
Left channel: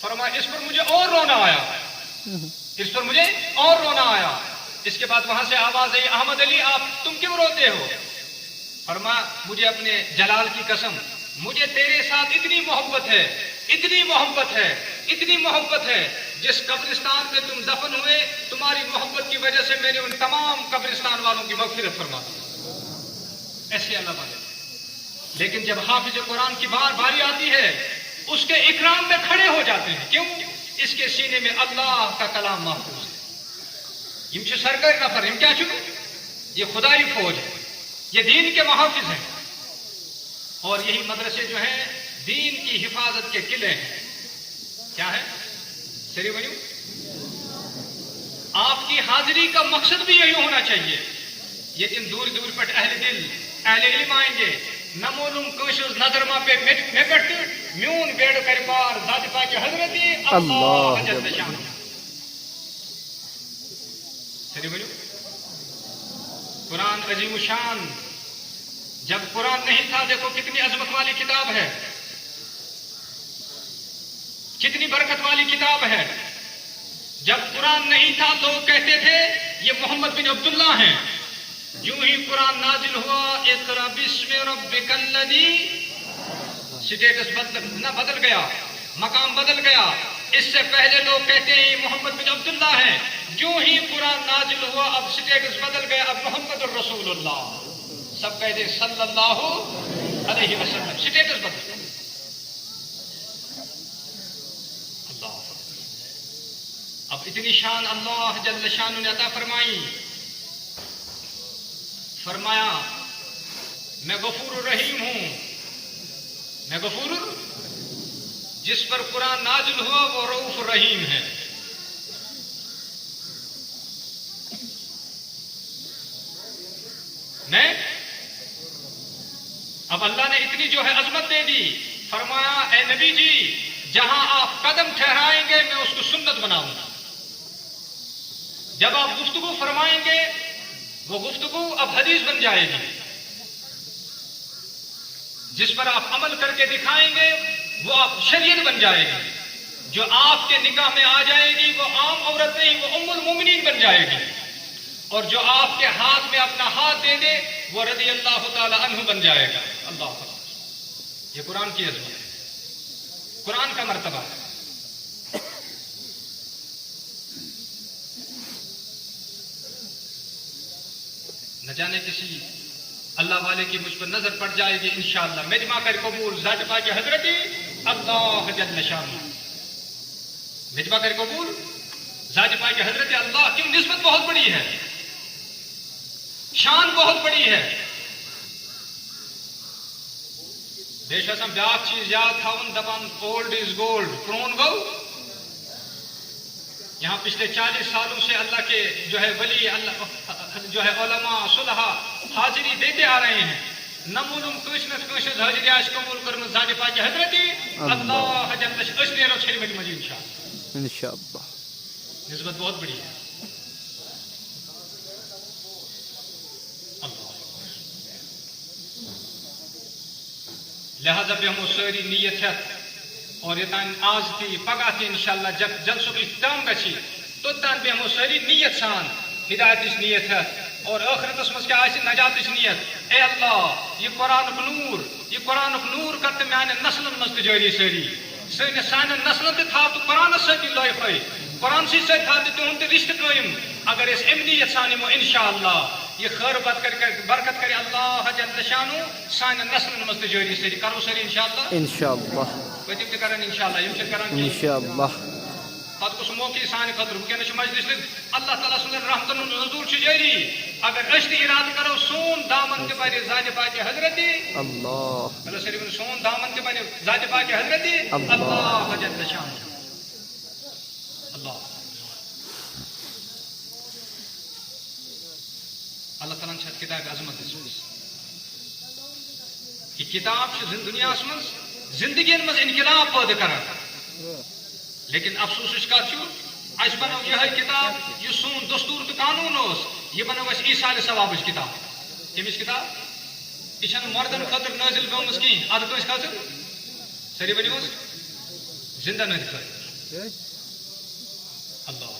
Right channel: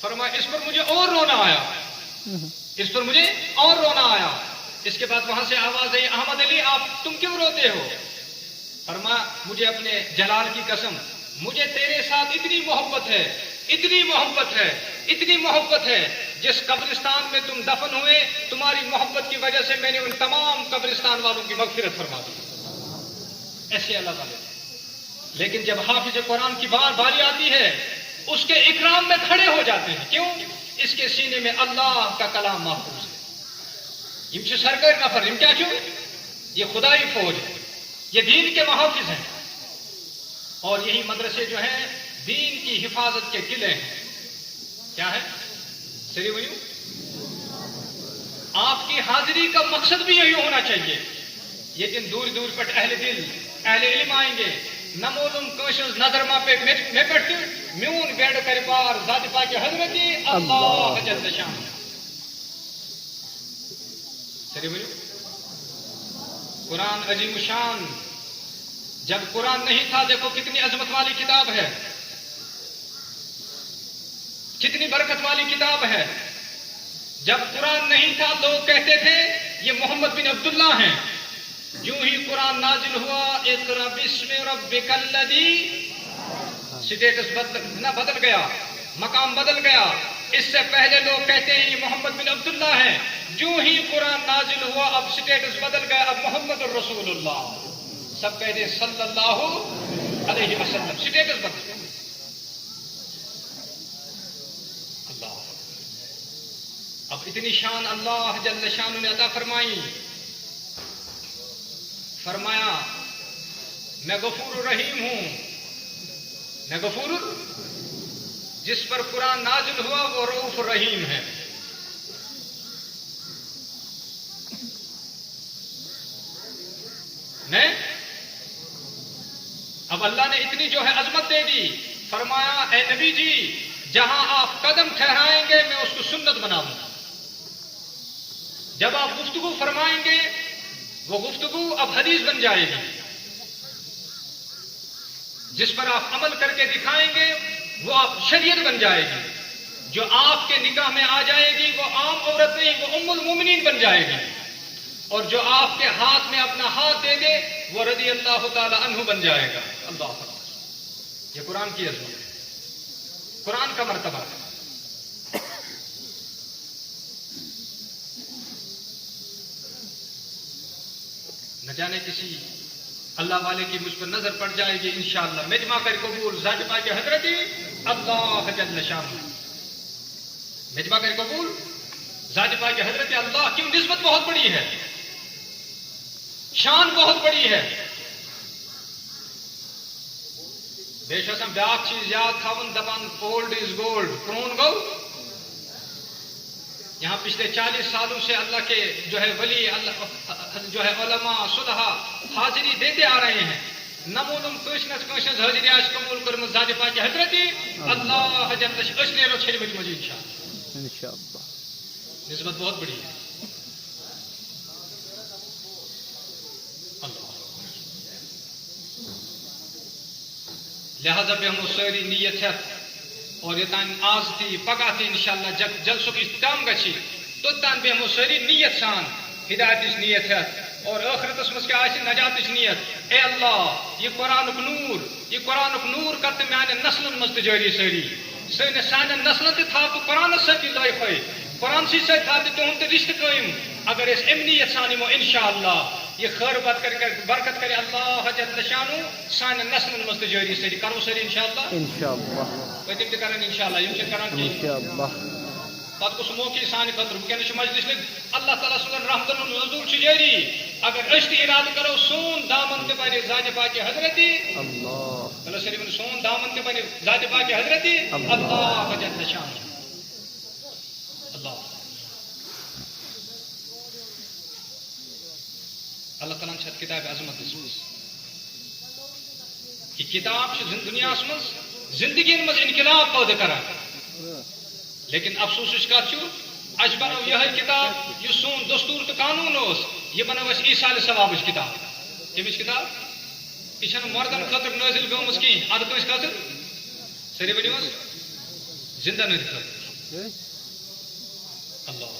فرمایا اس پر مجھے اور رونا آیا، اس پر مجھے اور رونا آیا. اس کے بعد وہاں سے آواز آئی احمد علی آپ تم کیوں روتے ہو؟ فرمایا مجھے اپنے جلال کی قسم مجھے تیرے ساتھ اتنی محبت ہے، اتنی محبت ہے، اتنی محبت ہے. جس قبرستان میں تم دفن ہوئے تمہاری محبت کی وجہ سے میں نے ان تمام قبرستان والوں کی مغفرت فرما دی. ایسے اللہ والے. لیکن جب حافظ قرآن کی باری آتی ہے اس کے اکرام میں کھڑے ہو جاتے ہیں. کیوں؟ اس کے سینے میں اللہ کا کلام محفوظ ہے. یہ سرکر نفر ان کیا چوں یہ خدائی فوج ہے، یہ دین کے محافظ ہیں. اور یہی مدرسے جو ہیں دین کی حفاظت کے قلعے ہیں. کیا ہے سری بھائی؟ آپ کی حاضری کا مقصد بھی یہی ہونا چاہیے. یہ دن دور دور پر اہل دل اہل علم آئیں گے. نمولم کوشش نظر ماں پہ میں بیٹھ میون بیڑ کر پار ذات پاک حضرتی اللہ جل شان. سری بھائی قرآن عظیم شان. جب قرآن نہیں تھا دیکھو کتنی عظمت والی کتاب ہے، کتنی برکت والی کتاب ہے. جب قرآن نہیں تھا لوگ کہتے تھے یہ محمد بن عبداللہ ہیں. جو ہی قرآن نازل ہوا اقرا بسم ربک الذی، سٹیٹس بدل گیا، مقام بدل گیا. اس سے پہلے لوگ کہتے ہیں یہ محمد بن عبداللہ ہیں. جو ہی قرآن نازل ہوا اب سٹیٹس بدل گیا، اب محمد الرسول اللہ. سب کہتے ہیں صلی اللہ علیہ وسلم، سٹیٹس بدل گیا. اللہ اب اتنی شان اللہ جل شان نے عطا فرمائی. فرمایا میں غفور الرحیم ہوں. میں غفور، جس پر قرآن نازل ہوا وہ رؤوف الرحیم ہے. میں اب اللہ نے اتنی جو ہے عظمت دے دی. فرمایا اے نبی جی جہاں آپ قدم ٹھہرائیں گے میں اس کو سنت بناؤں گا. جب آپ گفتگو فرمائیں گے وہ گفتگو اب حدیث بن جائے گی. جس پر آپ عمل کر کے دکھائیں گے وہ آپ شریعت بن جائے گی. جو آپ کے نکاح میں آ جائے گی وہ عام عورت نہیں، وہ ام المومنین بن جائے گی. اور جو آپ کے ہاتھ میں اپنا ہاتھ دے دے وہ رضی اللہ تعالی عنہ بن جائے گا. اللہ تعالی یہ قرآن کی عظمت ہے، قرآن کا مرتبہ ہے. جانے کسی اللہ والے کی مجھ پر نظر پڑ جائے گی انشاءاللہ مجمع کر قبول ذات پاک حضرت اللہ جل شانہ مجمع کر قبول ذات پاک حضرت اللہ کی نسبت بہت بڑی ہے شان بہت بڑی ہے بے شک ہم بیاکھ چیز یاد تھاون دپان اولڈ از گولڈ کون گو یہاں پچھلے 40 سالوں سے اللہ کے جو ہے ولی اللہ جو ہے علماء صلحاء حاضری دیتے آ رہے ہیں نمونم کوشنس حاضری آج قبول کرم ذات پاک حضرت اللہ جل اشنے رو چھری مجھے انشاءاللہ نسبت بہت بڑی ہے لہذا بھی ہم ساری نیت ہے اور یہ تان آز تھی پگہ تھی انشاءاللہ جب جلسوں کی اختتام گچھی تو تان بھی ہم ساری نیت سان ہدایت اس نیت ہے اور آخرت اس کیا آسی نجات اس نیت اے اللہ یہ قرآن نور کرتے میں نسل مست جاری ساری سان نسل تھی تھا تو قرآن ستی لائف ہے قرآن سی سے تھا تو ہم رشتہ قائم اگر اس امنیت سانمو انشاءاللہ یہ خیر برکت کرے اللہ جل شانہ سان نسل مست جاری ساری کرو ساری انشاءاللہ پتم تہ کران انشاءاللہ یم چھ کران انشاءاللہ پتہ کس موقع سان خاطر ونکس مجلس اللہ تعالیٰ سن رحمتن نزول چھ جاری اگر اس ارادہ کرو سون دامن کے بارے ذات پاک حضرت اللہ اللہ سری سون دامن کے بارے ذات پاک حضرت اللہ جل شانہ اللہ تعالیٰ چھت کتاب عظمت یہ کتاب دنیا من زندگی من انقلاب پیدا کران لیکن افسوس کت اس بنو یہ کتاب یہ سون دستور تو قانون اس یہ بنو اس ایصال ثواب کتاب کمس کتاب یہ مردن خاطر نازل گمز کہیں اد کس خاطر سری ورو زندہ نظر خاطر اللہ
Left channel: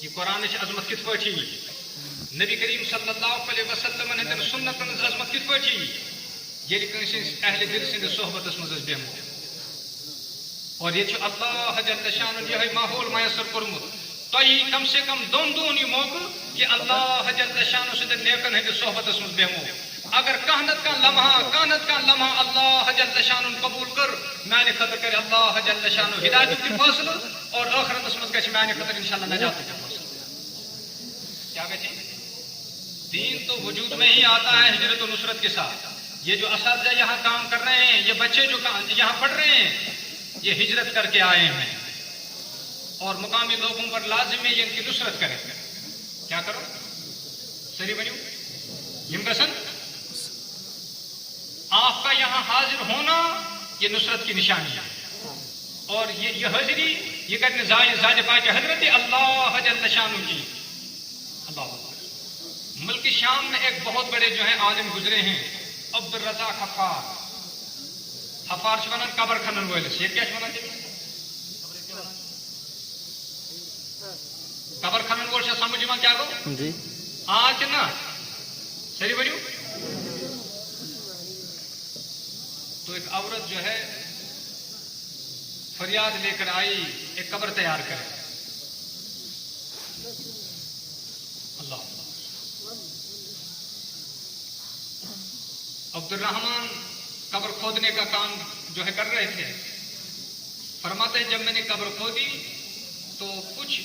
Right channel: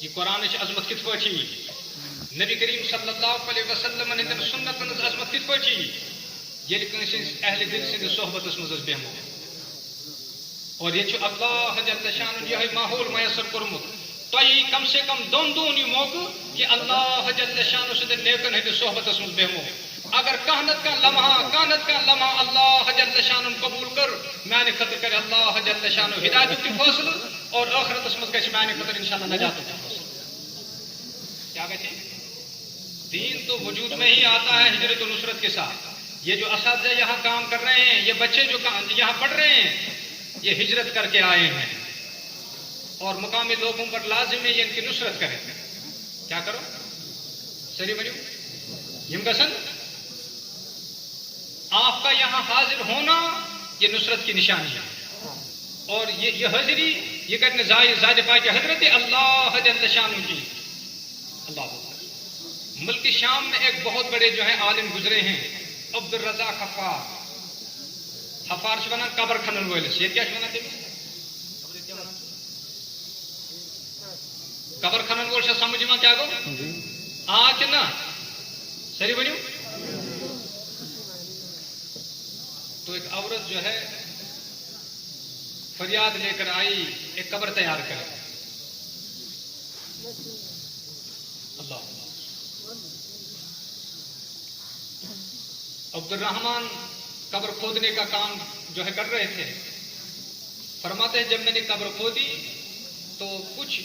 یہ قرآن عظمت کت پہ نبی کریم صلی اللہ علیہ وسلم ہند سنت عظمت کت پہ یل کنس اہل دل سند صحبت مز بیمو اور یہ اللہ جل شانہ یہ ماحول میسر کورمت تھی کم سے کم دون یہ موقع کہ اللہ جل شانہ سند نیکن ہند صحبت مز بیمو اگر کانت کا لمحہ اللہ جل شانہ قبول کر میانہ خاطر کر اللہ جل شانہ ہدایت کی فاصل اور آخرت مز گھر میانہ خاطر انشاءاللہ نجات کی فاصل کیا گچے دین تو وجود میں ہی آتا ہے ہجرت و نصرت کے ساتھ یہ جو اساتذہ یہاں کام کر رہے ہیں یہ بچے جو یہاں پڑھ رہے ہیں یہ ہجرت کر کے آئے ہیں اور مقامی لوگوں پر لازم ہے یہ ان کی نصرت کریں کیا کرو سری بڑی ہمکسن آپ کا یہاں حاضر ہونا یہ نصرت کی نشانی ہے اور یہ حاضری یہ کرنے ذات پاک حضرت اللہ جل شانہ کی اللہ ملک شام میں ایک بہت بڑے جو ہیں عالم گزرے ہیں عبد الرضا خفار ونان قبر کھنن ولس یہ کیا قبر کھنن وول سے سمجھ میں کیا گو جی آج نا سری بنو تو ایک عورت جو ہے فریاد لے کر آئی ایک قبر تیار کرے اللہ عبد الرحمان قبر کھودنے کا کام جو ہے کر رہے تھے فرماتے ہیں جب میں نے قبر کھودی تو کچھ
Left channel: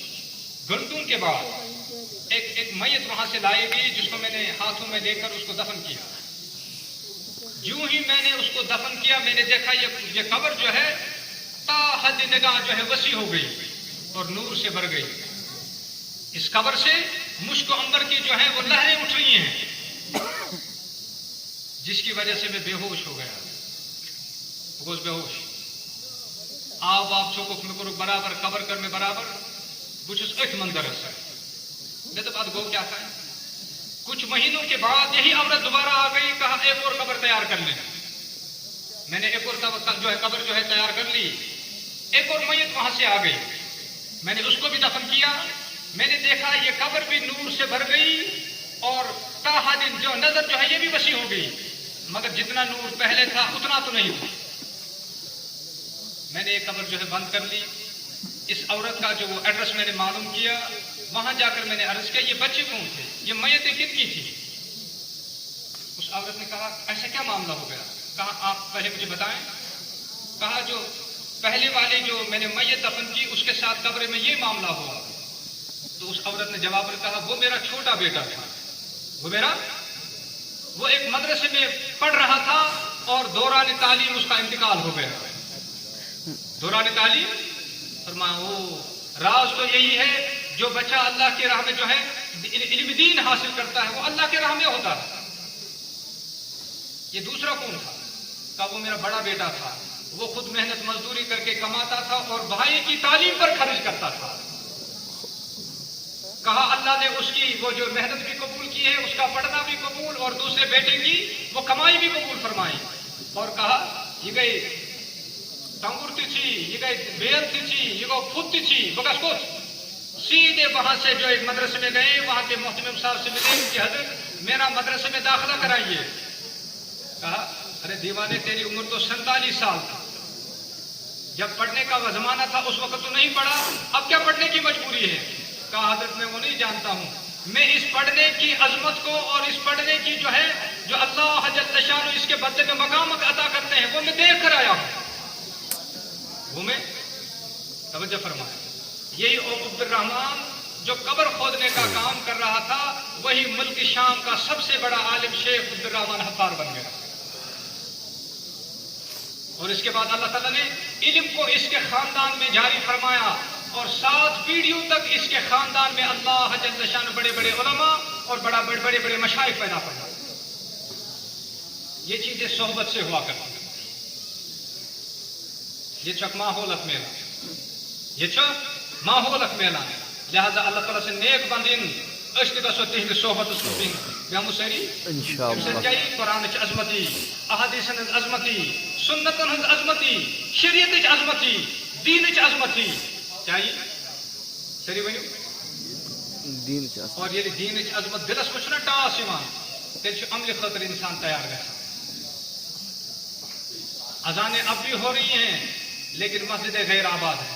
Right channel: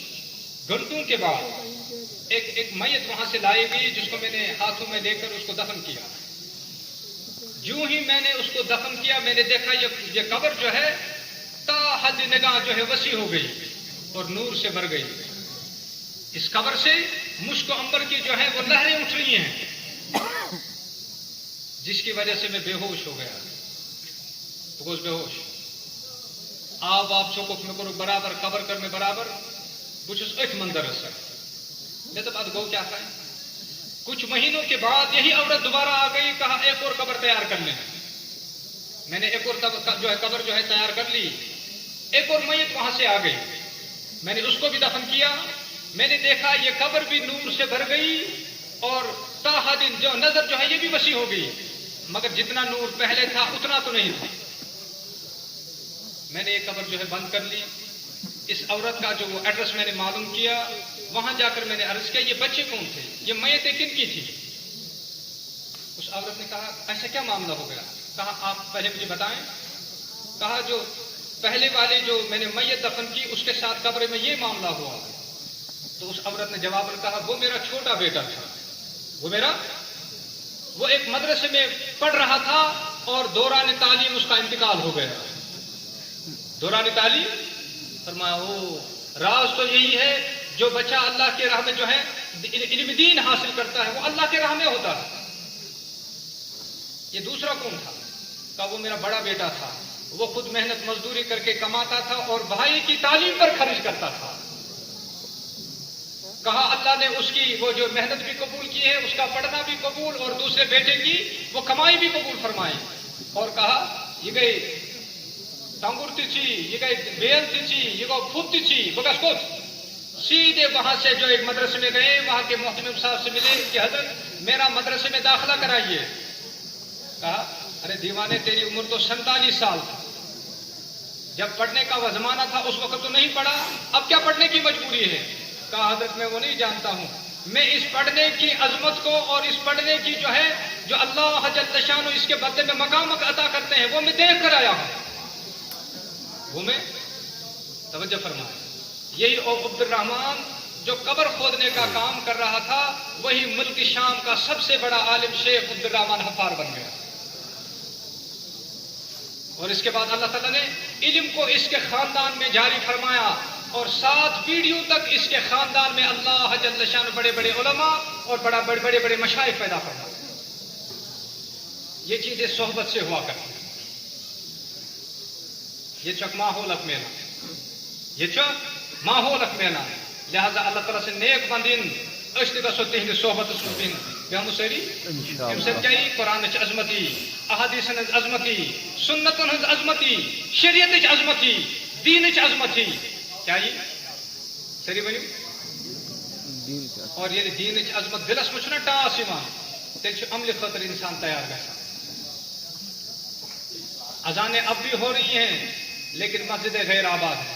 گھنٹوں کے بعد ایک میت وہاں سے لائی گئی جس کو میں نے ہاتھوں میں لے کر اس کو دفن کیا جو ہی میں نے اس کو دفن کیا میں نے دیکھا یہ قبر جو ہے تا حد نگاہ جو ہے وسیع ہو گئی اور نور سے بھر گئی اس قبر سے مشک و عنبر کی جو ہے وہ لہریں اٹھ رہی ہیں جس کی وجہ سے میں بے ہوش ہو گیا بے ہوش آپ چوک میں کرو برابر قبر کرنے برابر کچھ اٹھ مندر ہے میں تو بات گو کیا تھا کچھ مہینوں کے بعد یہی عورت دوبارہ آ گئی کہا ایک اور قبر تیار کر لیں میں نے ایک اور جو ہے قبر جو ہے تیار کر لی ایک اور میت وہاں سے آ گئی میں نے اس کو بھی دفن کیا میں نے دیکھا یہ قبر بھی نور سے بھر گئی اور تاہا دن جو نظر جو ہے یہ بھی وسیع ہو گئی مگر جتنا نور پہلے تھا اتنا تو نہیں تھا میں نے ایک قبر جو ہے بند کر لی اس عورت کا جو وہ ایڈریس میں نے معلوم کیا وہاں جا کر میں نے عرض کیا یہ بچے کون تھے، یہ میتیں کن کی تھی؟ اس عورت نے کہا ایسا کیا معاملہ ہو گیا؟ کہا آپ پہلے مجھے بتائیں. کہا جو پہلے والی جو میں نے میت دفن کی اس کے ساتھ قبر میں یہ معاملہ ہوا. تو اس عورت نے جواب میں کہا وہ میرا چھوٹا بیٹا تھا، وہ ایک مدرسے میں پڑھ رہا تھا اور دوران تعلیم اس کا انتقال ہو گیا. دوران تعلیم فرمایا وہ راز تو یہی ہے جو بچہ اللہ کے راہ میں جو ہے علم دین حاصل کرتا ہے وہ اللہ کے راہ میں ہوتا ہے. یہ دوسرا کون تھا؟ کہا وہ میرا بڑا بیٹا تھا، وہ خود محنت مزدوری کر کے کماتا تھا اور بھائی کی تعلیم پر خرچ کرتا تھا. کہا اللہ نے اس کی وہ جو محنت بھی قبول کی ہے، اس کا پڑھنا بھی قبول، اور دوسرے بیٹے کی وہ کمائی بھی قبول فرمائی. اور کہا یہ گئی ٹانگور تھی، یہ گئی بیل تھی، یہ گو خود تھی بگس کو. سیدھے وہاں سے جو ایک مدرسے میں گئے، وہاں کے محتمم صاحب سے ملے کہ حضرت میرا مدرسے میں داخلہ کرائیے. کہا ارے دیوانے تیری عمر تو 47 سال تھا، جب پڑھنے کا وہ زمانہ تھا اس وقت تو نہیں پڑھا، اب کیا پڑھنے کی مجبوری ہے؟ کہا حضرت میں وہ نہیں جانتا ہوں، میں اس پڑھنے کی عظمت کو اور اس پڑھنے کی جو ہے جو اللہ جل شانہ اس کے بدلے میں مقام عطا کرتے ہیں وہ میں دیکھ کر آیا ہوں. وہ میں توجہ فرمائے. یہی عبد الرحمان جو قبر کھودنے کا کام کر رہا تھا وہی ملک شام کا سب سے بڑا عالم شیخ عبد الرحمان حفار بن گیا. اور اس کے بعد اللہ تعالیٰ نے علم کو اس کے خاندان میں جاری فرمایا اور 7 پیڑھیوں تک اس کے خاندان میں اللہ جل شان بڑے بڑے علماء اور بڑے بڑے مشائخ پیدا کرنا. یہ چیزیں صحبت سے ہوا کرتی. یہ چک ماحول میلا، یہ چک ماحول میلا. لہذا اللہ تعالیٰ سے نیک بندین اشت گسو تہند صحبت سن بیمو سری سچائی قرآن عظمتی، احادیث عظمتی، سنتن عظمتی، شریعت عظمتی، دین عظمتی. کیا یہ سری ورنو اور یہ دین عظمت دلس میں ٹاس تیل عمل خاطر انسان تیار گا. اذانیں اب بھی ہو رہی ہیں لیکن مسجد غیر آباد ہے.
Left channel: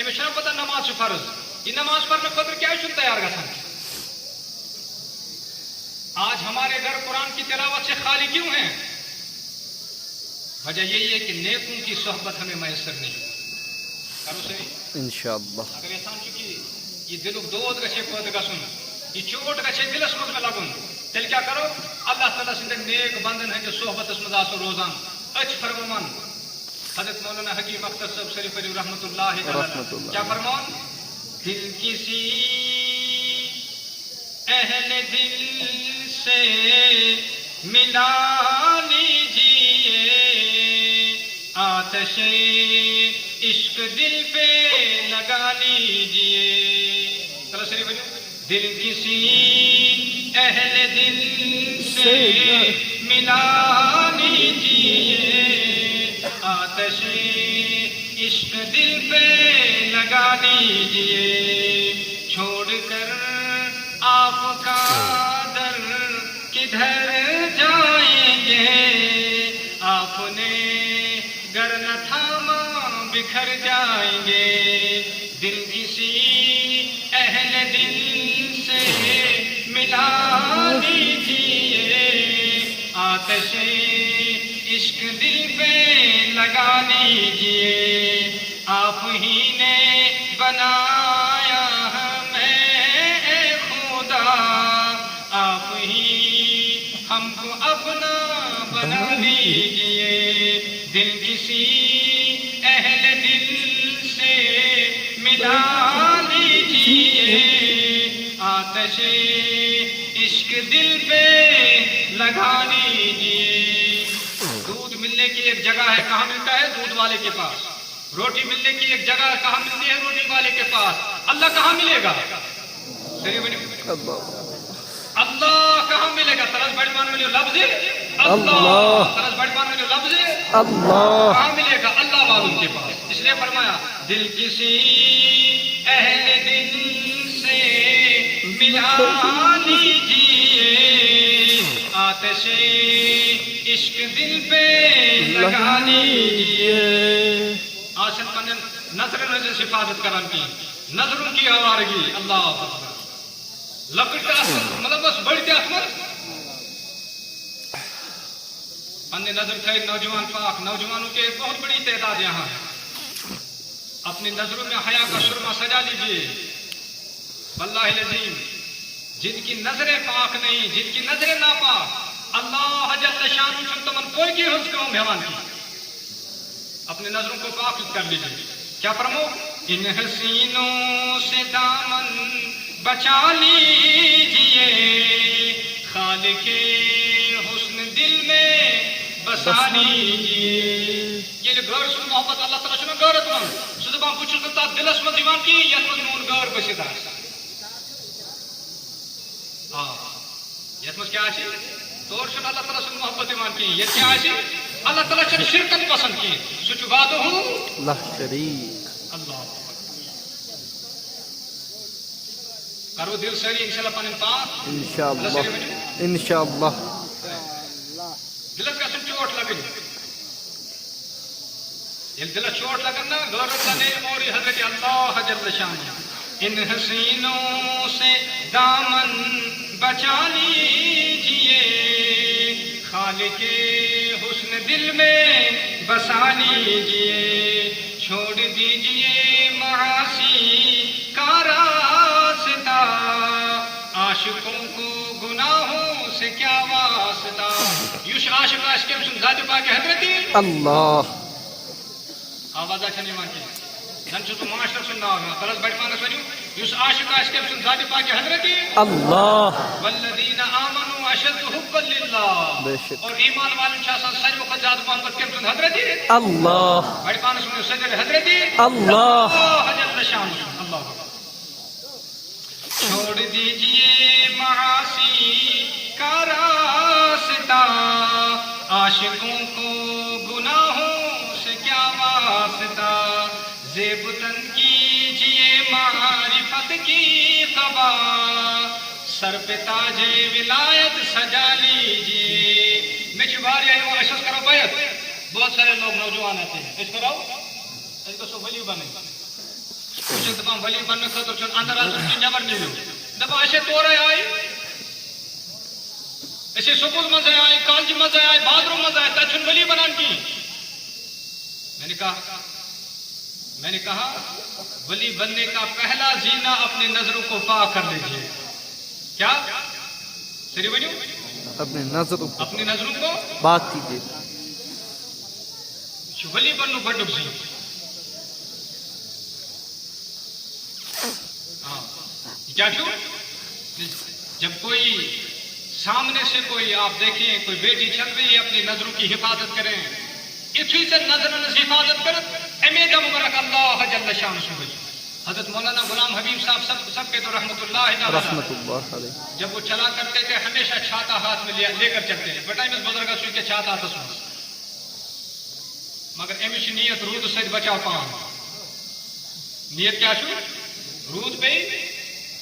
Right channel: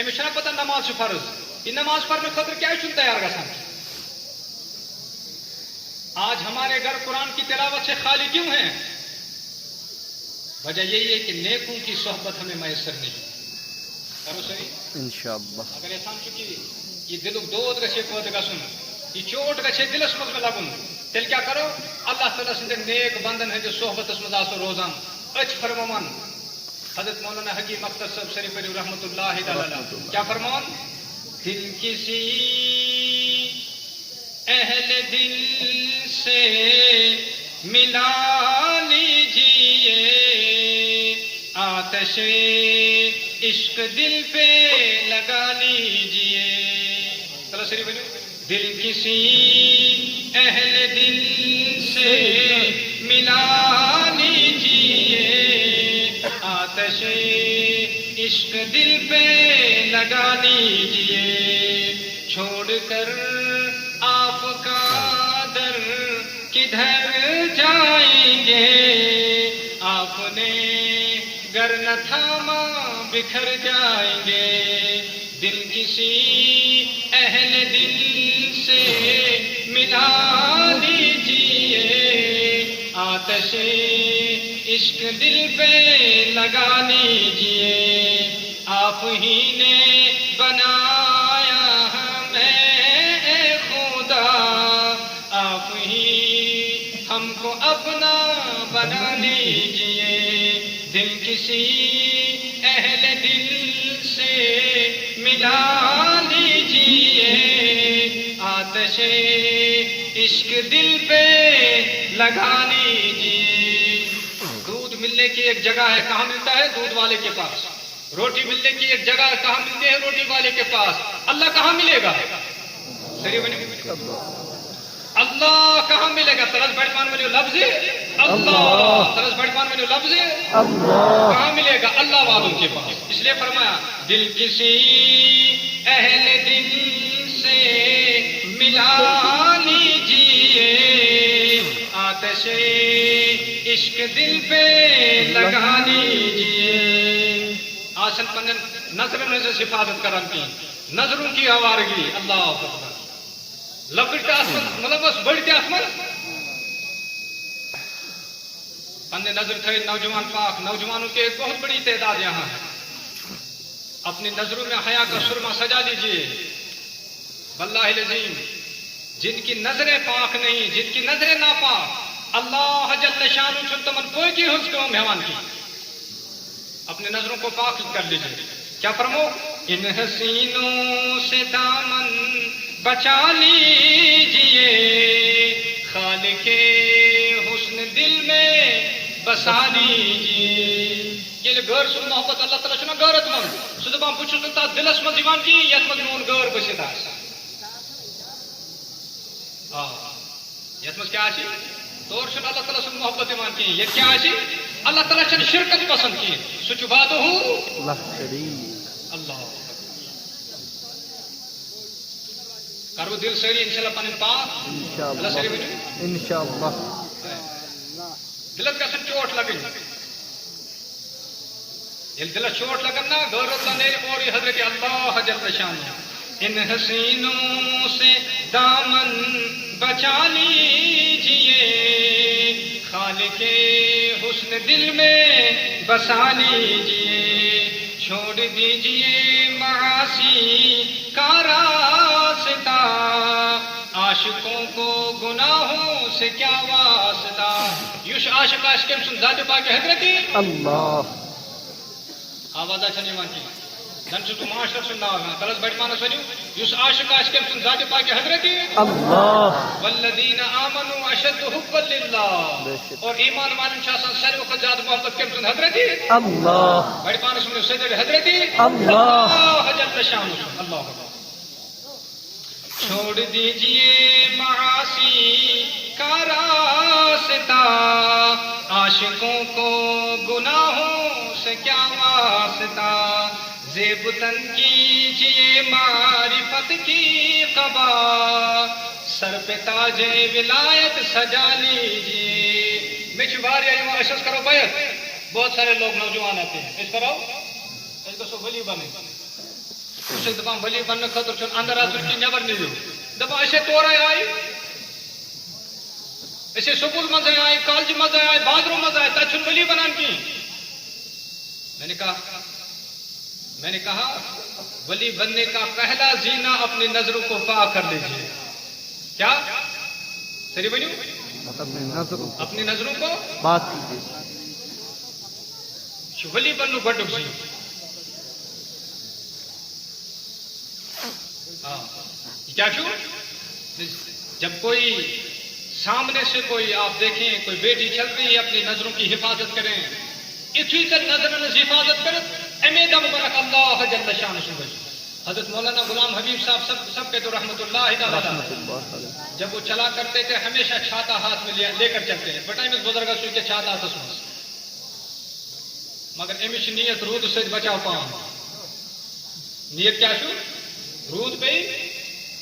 امشا پتہ نماز فرض، یہ نماز پڑھنے خاطر کیا تیار گا. آج ہمارے گھر قرآن کی تلاوت سے خالی کیوں ہیں؟ وجہ یہی ہے کہ نیکوں کی صحبت ہمیں میسر نہیں. کرو صحیح انشاءاللہ. اگر احسان چکی یہ دلک دود گھے پود گھن، یہ چوٹ گھے دلس مز میں لگن، تیل کیا کرو اللہ تعالیٰ سند نیک بندن ہند صحبت مز آسو روزان. اچ فرمان حضرت مولانا حکیم اختر صاحب شریف علی رحمۃ اللہ تعالی کیا فرمان؟ دل کسی اہل دل سے ملا لیجیے، آتش عشق دل پہ لگا لیجیے. چلو شریف بولو. دل کسی اہل دل سے ملا لیجیے، آتش عشق دل پہ لگا لیجیے. چھوڑ کر آپ کا در کدھر جائیں گے، آپ نے گر نہ تھاما بکھر جائیں گے. دل کسی اہل دل سے ملا لیجیے، آتش عشق دل پہ لگا لیجیے. آپ ہی نے بنایا ہمیں اے خدا، آپ ہی ہم کو اپنا بنا لیجیے. دل کسی اہل دل سے ملا لیجیے، آتش عشق دل پہ لگا لیجیے. دودھ ملنے کی ایک جگہ ہے، کہاں ملتا ہے؟ دودھ والے کے پاس. روٹی ملنے کی ایک جگہ کہاں ملتی ہے؟ روٹی والے کے پاس. اللہ کہاں ملے گا؟ اللہ کہاں ملے گا؟ ترس بڑھ پانے والے لفظ اللہ، ترس بڑھ پانے والے لفظ اللہ کہاں ملے گا؟ اللہ والوں کے پاس. اس لیے فرمایا دل کسی اہل دل سے ملا لیجیے، آتش عشق دل پہ لگا لیجیے. آسن تو نظر سے حفاظت کرن کی نظروں کی آوارگی اللہ اکبر لکڑ کا مطلب بس بڑھتے احمد پنے نظر تھے نوجوان پاک نوجوانوں کی ایک بہت بڑی تعداد یہاں ہے اپنی نظروں میں حیا کا سرما سجا لیجیے واللہ العظیم جن کی نظریں پاک نہیں جن کی نظریں ناپاک اللہ جل شانہ سے تمن کوئی کی حفظ کو مہمان کی اپنی نظروں کو پاک کر لیجیے کیا فرمو ان حسینوں سے دامن بچا لیجیے خالق حسن دل میں بسا لیجیے یہ غیر سن محبت اللہ تعالیٰ چھنا غیرت مند سو دپان بچ چھس تتھ دلس مز یوان کی یتھ مز میون غیر بسِتھ آسہِ یتھ مز کیا آسہِ طور چھُنہٕ اللہ تعالیٰ سُنٛد محبت یوان کی یتھ کیا آسہِ اللہ تعالیٰ چھنہٕ شرکت پسند کی سُہ چھُ وعدہ اللہ شریف اللہ کرو دل سٲری انشاءاللہ پنٕنۍ پاک انشاءاللہ انشاءاللہ دلس گژھن چوٹ لگن ییٚلہِ دلس چوٹ لگن نا غیرت نہ نیرِ اور یہ حضرت اللہ جل شانہ ان حسینوں سے دامن بچا لیجیے خالق حسن دل میں بسا لیجیے چھوڑ دیجیے معاصی کا راستہ عاشقوں کو گناہوں سے کیا واسطہ یوش عاشق آس کم سن ذات پاک حضرت اللہ آواز چھن یوان کی زن چھُ معاشر سن ناو یوان ترس بڑ پانس ونیو یوس عاشق آس کم سن ذات پاک حضرت اللہ والذین آمنوا اشد حبا للہ اور ایمان والن چھ آسان ساروی کھۄتہٕ زیادٕ محبت کم سن حضرت اللہ بڑ پانس ونیو صدر حضرت اللہ جل شانہ اللہ چھوڑ دیجیے معاصی کا راستہ عاشقوں کو گناہوں سے کیا واسطہ زیب تن کیجیے معرفت کی قبا سر پہ تاج ولایت سجا لیجیے میں چھواریا یہ اشس کرو بیعت بہت سارے لوگ نوجوان آتے ہیں اس کرو اس کو سو ولی بنے کچھ دپان ولی بننے خاطر چھن اندر اژُن کہِ نیبر نیرُن دپان أسۍ تورے آیہِ أسۍ سکول مزے آئے کالج مزے آئے بازروں مزے آئے تب چھن ولی بنان کی میں نے کہا ولی بننے کا پہلا زینہ اپنی نظروں کو پاک کر لیجیے کیا سری بنیو اپنی نظروں کو پاک کیجیے ولی بنو گڈک سی کیا چھو جب کوئی سامنے سے کوئی آپ دیکھیں کوئی بیٹی چل رہی ہے اپنی نظروں کی حفاظت کریں اتھی سے نظر حفاظت کریں امید مبارک اللہ جل شانہ سبحانہ حضرت مولانا غلام حبیب صاحب سب کے تو رحمت اللہ علیہ جب وہ چلا کرتے تھے ہمیشہ چھاتا ہاتھ میں لے کر چلتے ہیں بٹائی میں بزرگ سوئی کے چھاتا ہاتھ میں مگر امش نیت رود سے بچاؤ پان نیت کیا چھو رود پہ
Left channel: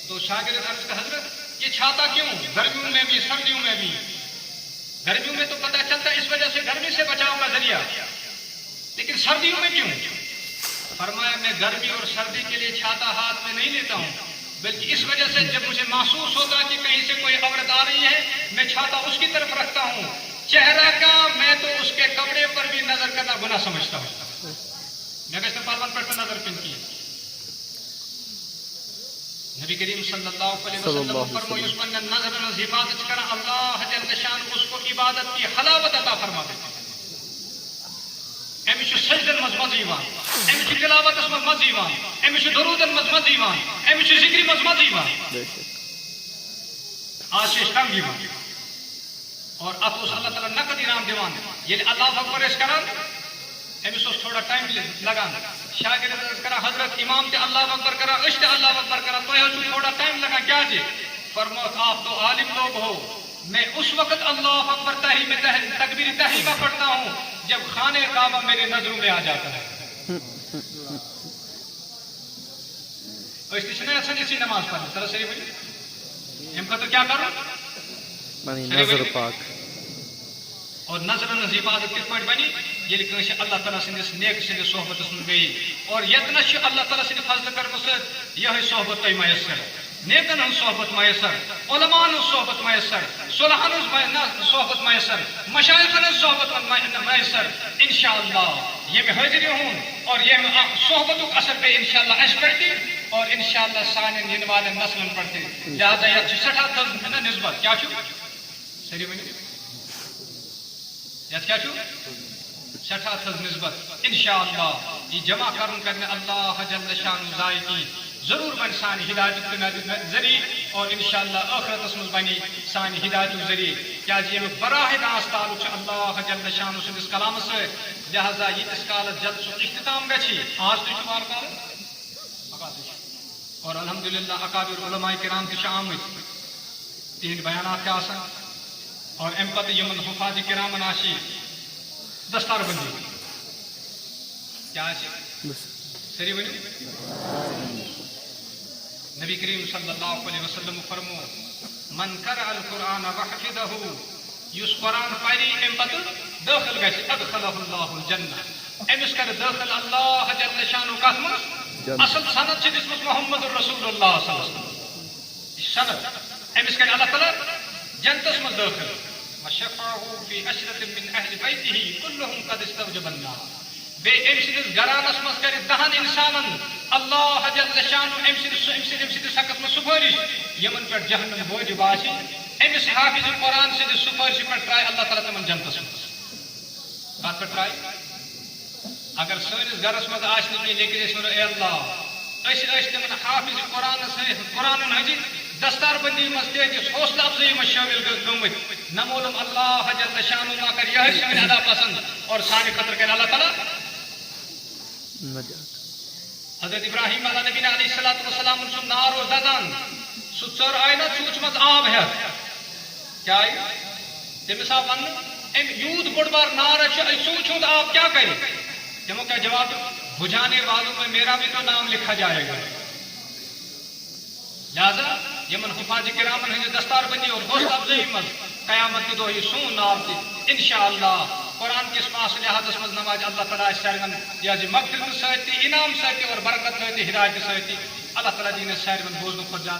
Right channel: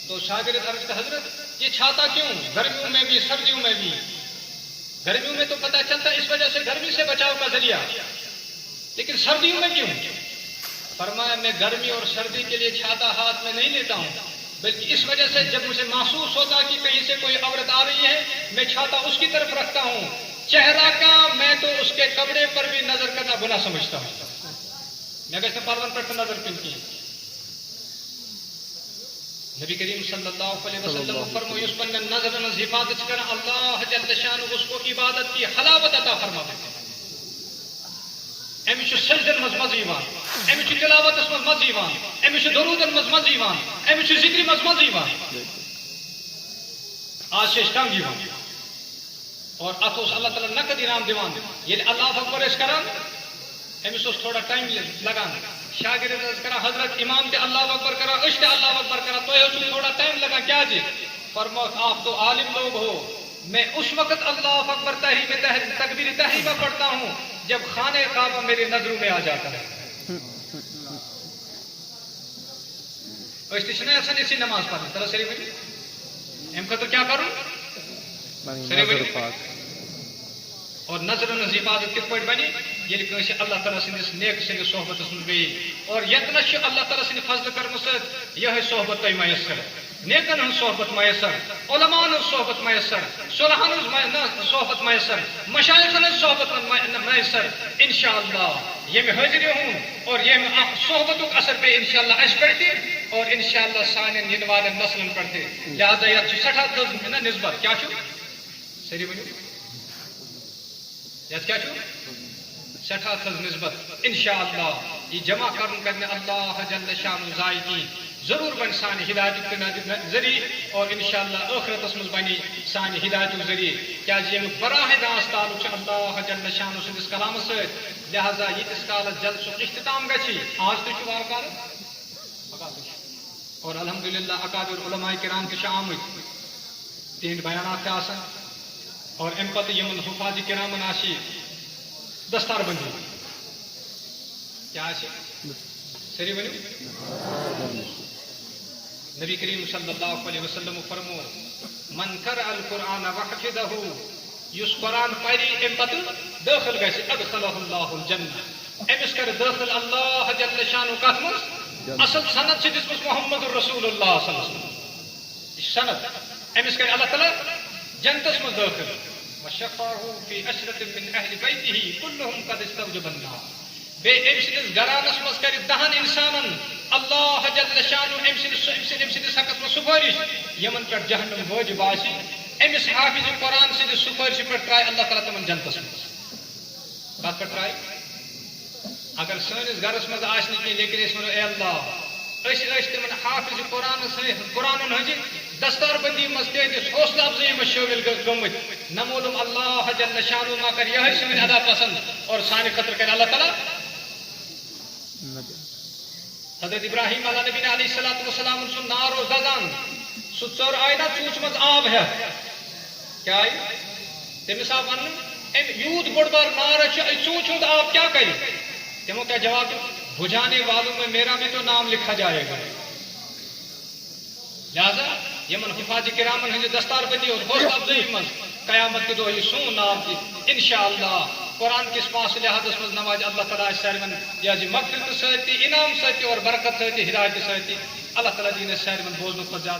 تو شاگرد عرض کا حضرت یہ چھاتا کیوں گرمیوں میں بھی سردیوں میں بھی گرمیوں میں تو پتہ چلتا ہے اس وجہ سے گرمی سے بچاؤ کا ذریعہ لیکن سردیوں میں کیوں فرمایا میں گرمی اور سردی کے لیے چھاتا ہاتھ میں نہیں لیتا ہوں بلکہ اس وجہ سے جب مجھے محسوس ہوتا کہ کہیں سے کوئی عورت آ رہی ہے میں چھاتا اس کی طرف رکھتا ہوں چہرہ کا میں تو اس کے کپڑے پر بھی نظر کرنا گناہ سمجھتا ہوں میں کہتا پروان پر نظر پن کی نبی کریم صلی اللہ علیہ وسلم فرمائے اس پر نظر حفاظت کرنا اللہ جل شانہ اس کو عبادت کی حلاوت عطا فرما دیتا امس سجدن مز مزہ یوان امس تلاوتس مز مزہ یوان امس درودن مز مزہ یوان امس ذکر مز مزہ یوان آج تنگ یوان اور ات اللہ تعالیٰ نقد انعام دیوان یل اللہ اکبر اس کران امس تھوڑا ٹائم لگان شاگرد کران حضرت امام تے اللہ اکبر کران اشت اللہ اکبر کران تو تھوڑا ٹائم لگا کیا جی فرماؤ آپ تو عالم لوگ ہو میں اس وقت اللہ اکبر تکبیر تحریمہ پڑھتا ہوں جب خانہ کعبہ میرے نظروں میں آ جاتا ہے ایسی نماز پڑھیں طرح صحیح بولی ہم خطر کیا کروں نظر پاک اور نظر حفاظت کت پہ بنی یل کنس اللہ تعالیٰ سندس نیک سندس صحبتس من گئی اور یتنس اللہ تعالیٰ سند فضل کرم ست یہ صحبت تہ میسر نیکن ہن صحبت میسر علماء ہن صحبت میسر صلحن ہن صحبت میسر مشایخن ہن صحبت میسر انشاءاللہ یہ حاضر ہوں اور یہ صحبت اثر پہ انشاءاللہ اس پڑتی اور انشاءاللہ سان ین والن نسلن پڑتی لہذا یہ سٹھا تھز نسبت کیا چھو سری ونیو یت کیا چھو سٹھا تھز نسبت انشاءاللہ یہ جمع کرنے اللہ جل شان ذائقی ضرور بن سان ہدایت ذریعہ اور انشاءاللہ آخرت مز بنی سان ہدایت ذریعہ کیا یہ براہ راست تعلق اللہ جل شان سندس کلام سے لہذا یہ کالس جلد سو اختتام گچھی آج تو وار کال اور الحمدللہ اکابر علماء کرام تہ آمت تہند بیانات آسان اور ام پتہ یمن حفاظ کرامن آشی دستار بندی کیا سری ونی نبی کریم صلی اللہ علیہ وسلم فرمو من قرأ القرآن وحفظہ یس قرآن پری ام پتہ داخل گژھِ ادخلہ اللہ الجنہ امس کر داخل اللہ جل شانہ کتھ مز اصل سند سے دس محمد رسول اللہ صلی اللہ علیہ وسلم سند امس کر اللہ تعالیٰ جنتس مز داخل وشفعه في عشرة من أهل بيته كلهم قد استوجب النار بے ام سندس گرانس مز کر دہن انسانن اللہ جل شانہ ام سندس حقس مز سفارش یمن پہ جہنم واجب آسی امس حافظ قرآن سندس سفارش پہ ترائے اللہ تعالیٰ تمن جنتس مز کت پہ ترائے اگر سنس گرس مز آسن کی لیکن اس ونو اے اللہ تمن حافظ قرآن ہز دستار بندی مز تہندس حوصلہ افزائی مز شامل گمت نمولم اللہ جل شانہ نا کر یہ سن ادا پسند اور سانہ خطر کر اللہ تعالیٰ حضرت ابراہیم علیہ نبی علیہ الصلوۃ والسلام سن نار اور دزان سہ ژر آئی نا چوچ مز آب ہے کیا آئی تمس آو ون یوت بوڑ بار نار چوچ ہند آب کیا کرے تمو کیا جواب بجھانے والوں میں میرا بھی تو نام لکھا جائے گا لہذا یمن حفاظ کرامن ہند دستار بندی اور حوصلہ افزائی مز قیامت کے دہ یہ سون نام تہ انشاءاللہ قرآن کس پاس لحاظ مز نواز اللہ تعالیٰ سارن یہ مغفرت ست انعام ست اور برکت ست ہدایت ست اللہ تعالیٰ دین سارن بوزن کھت زیادہ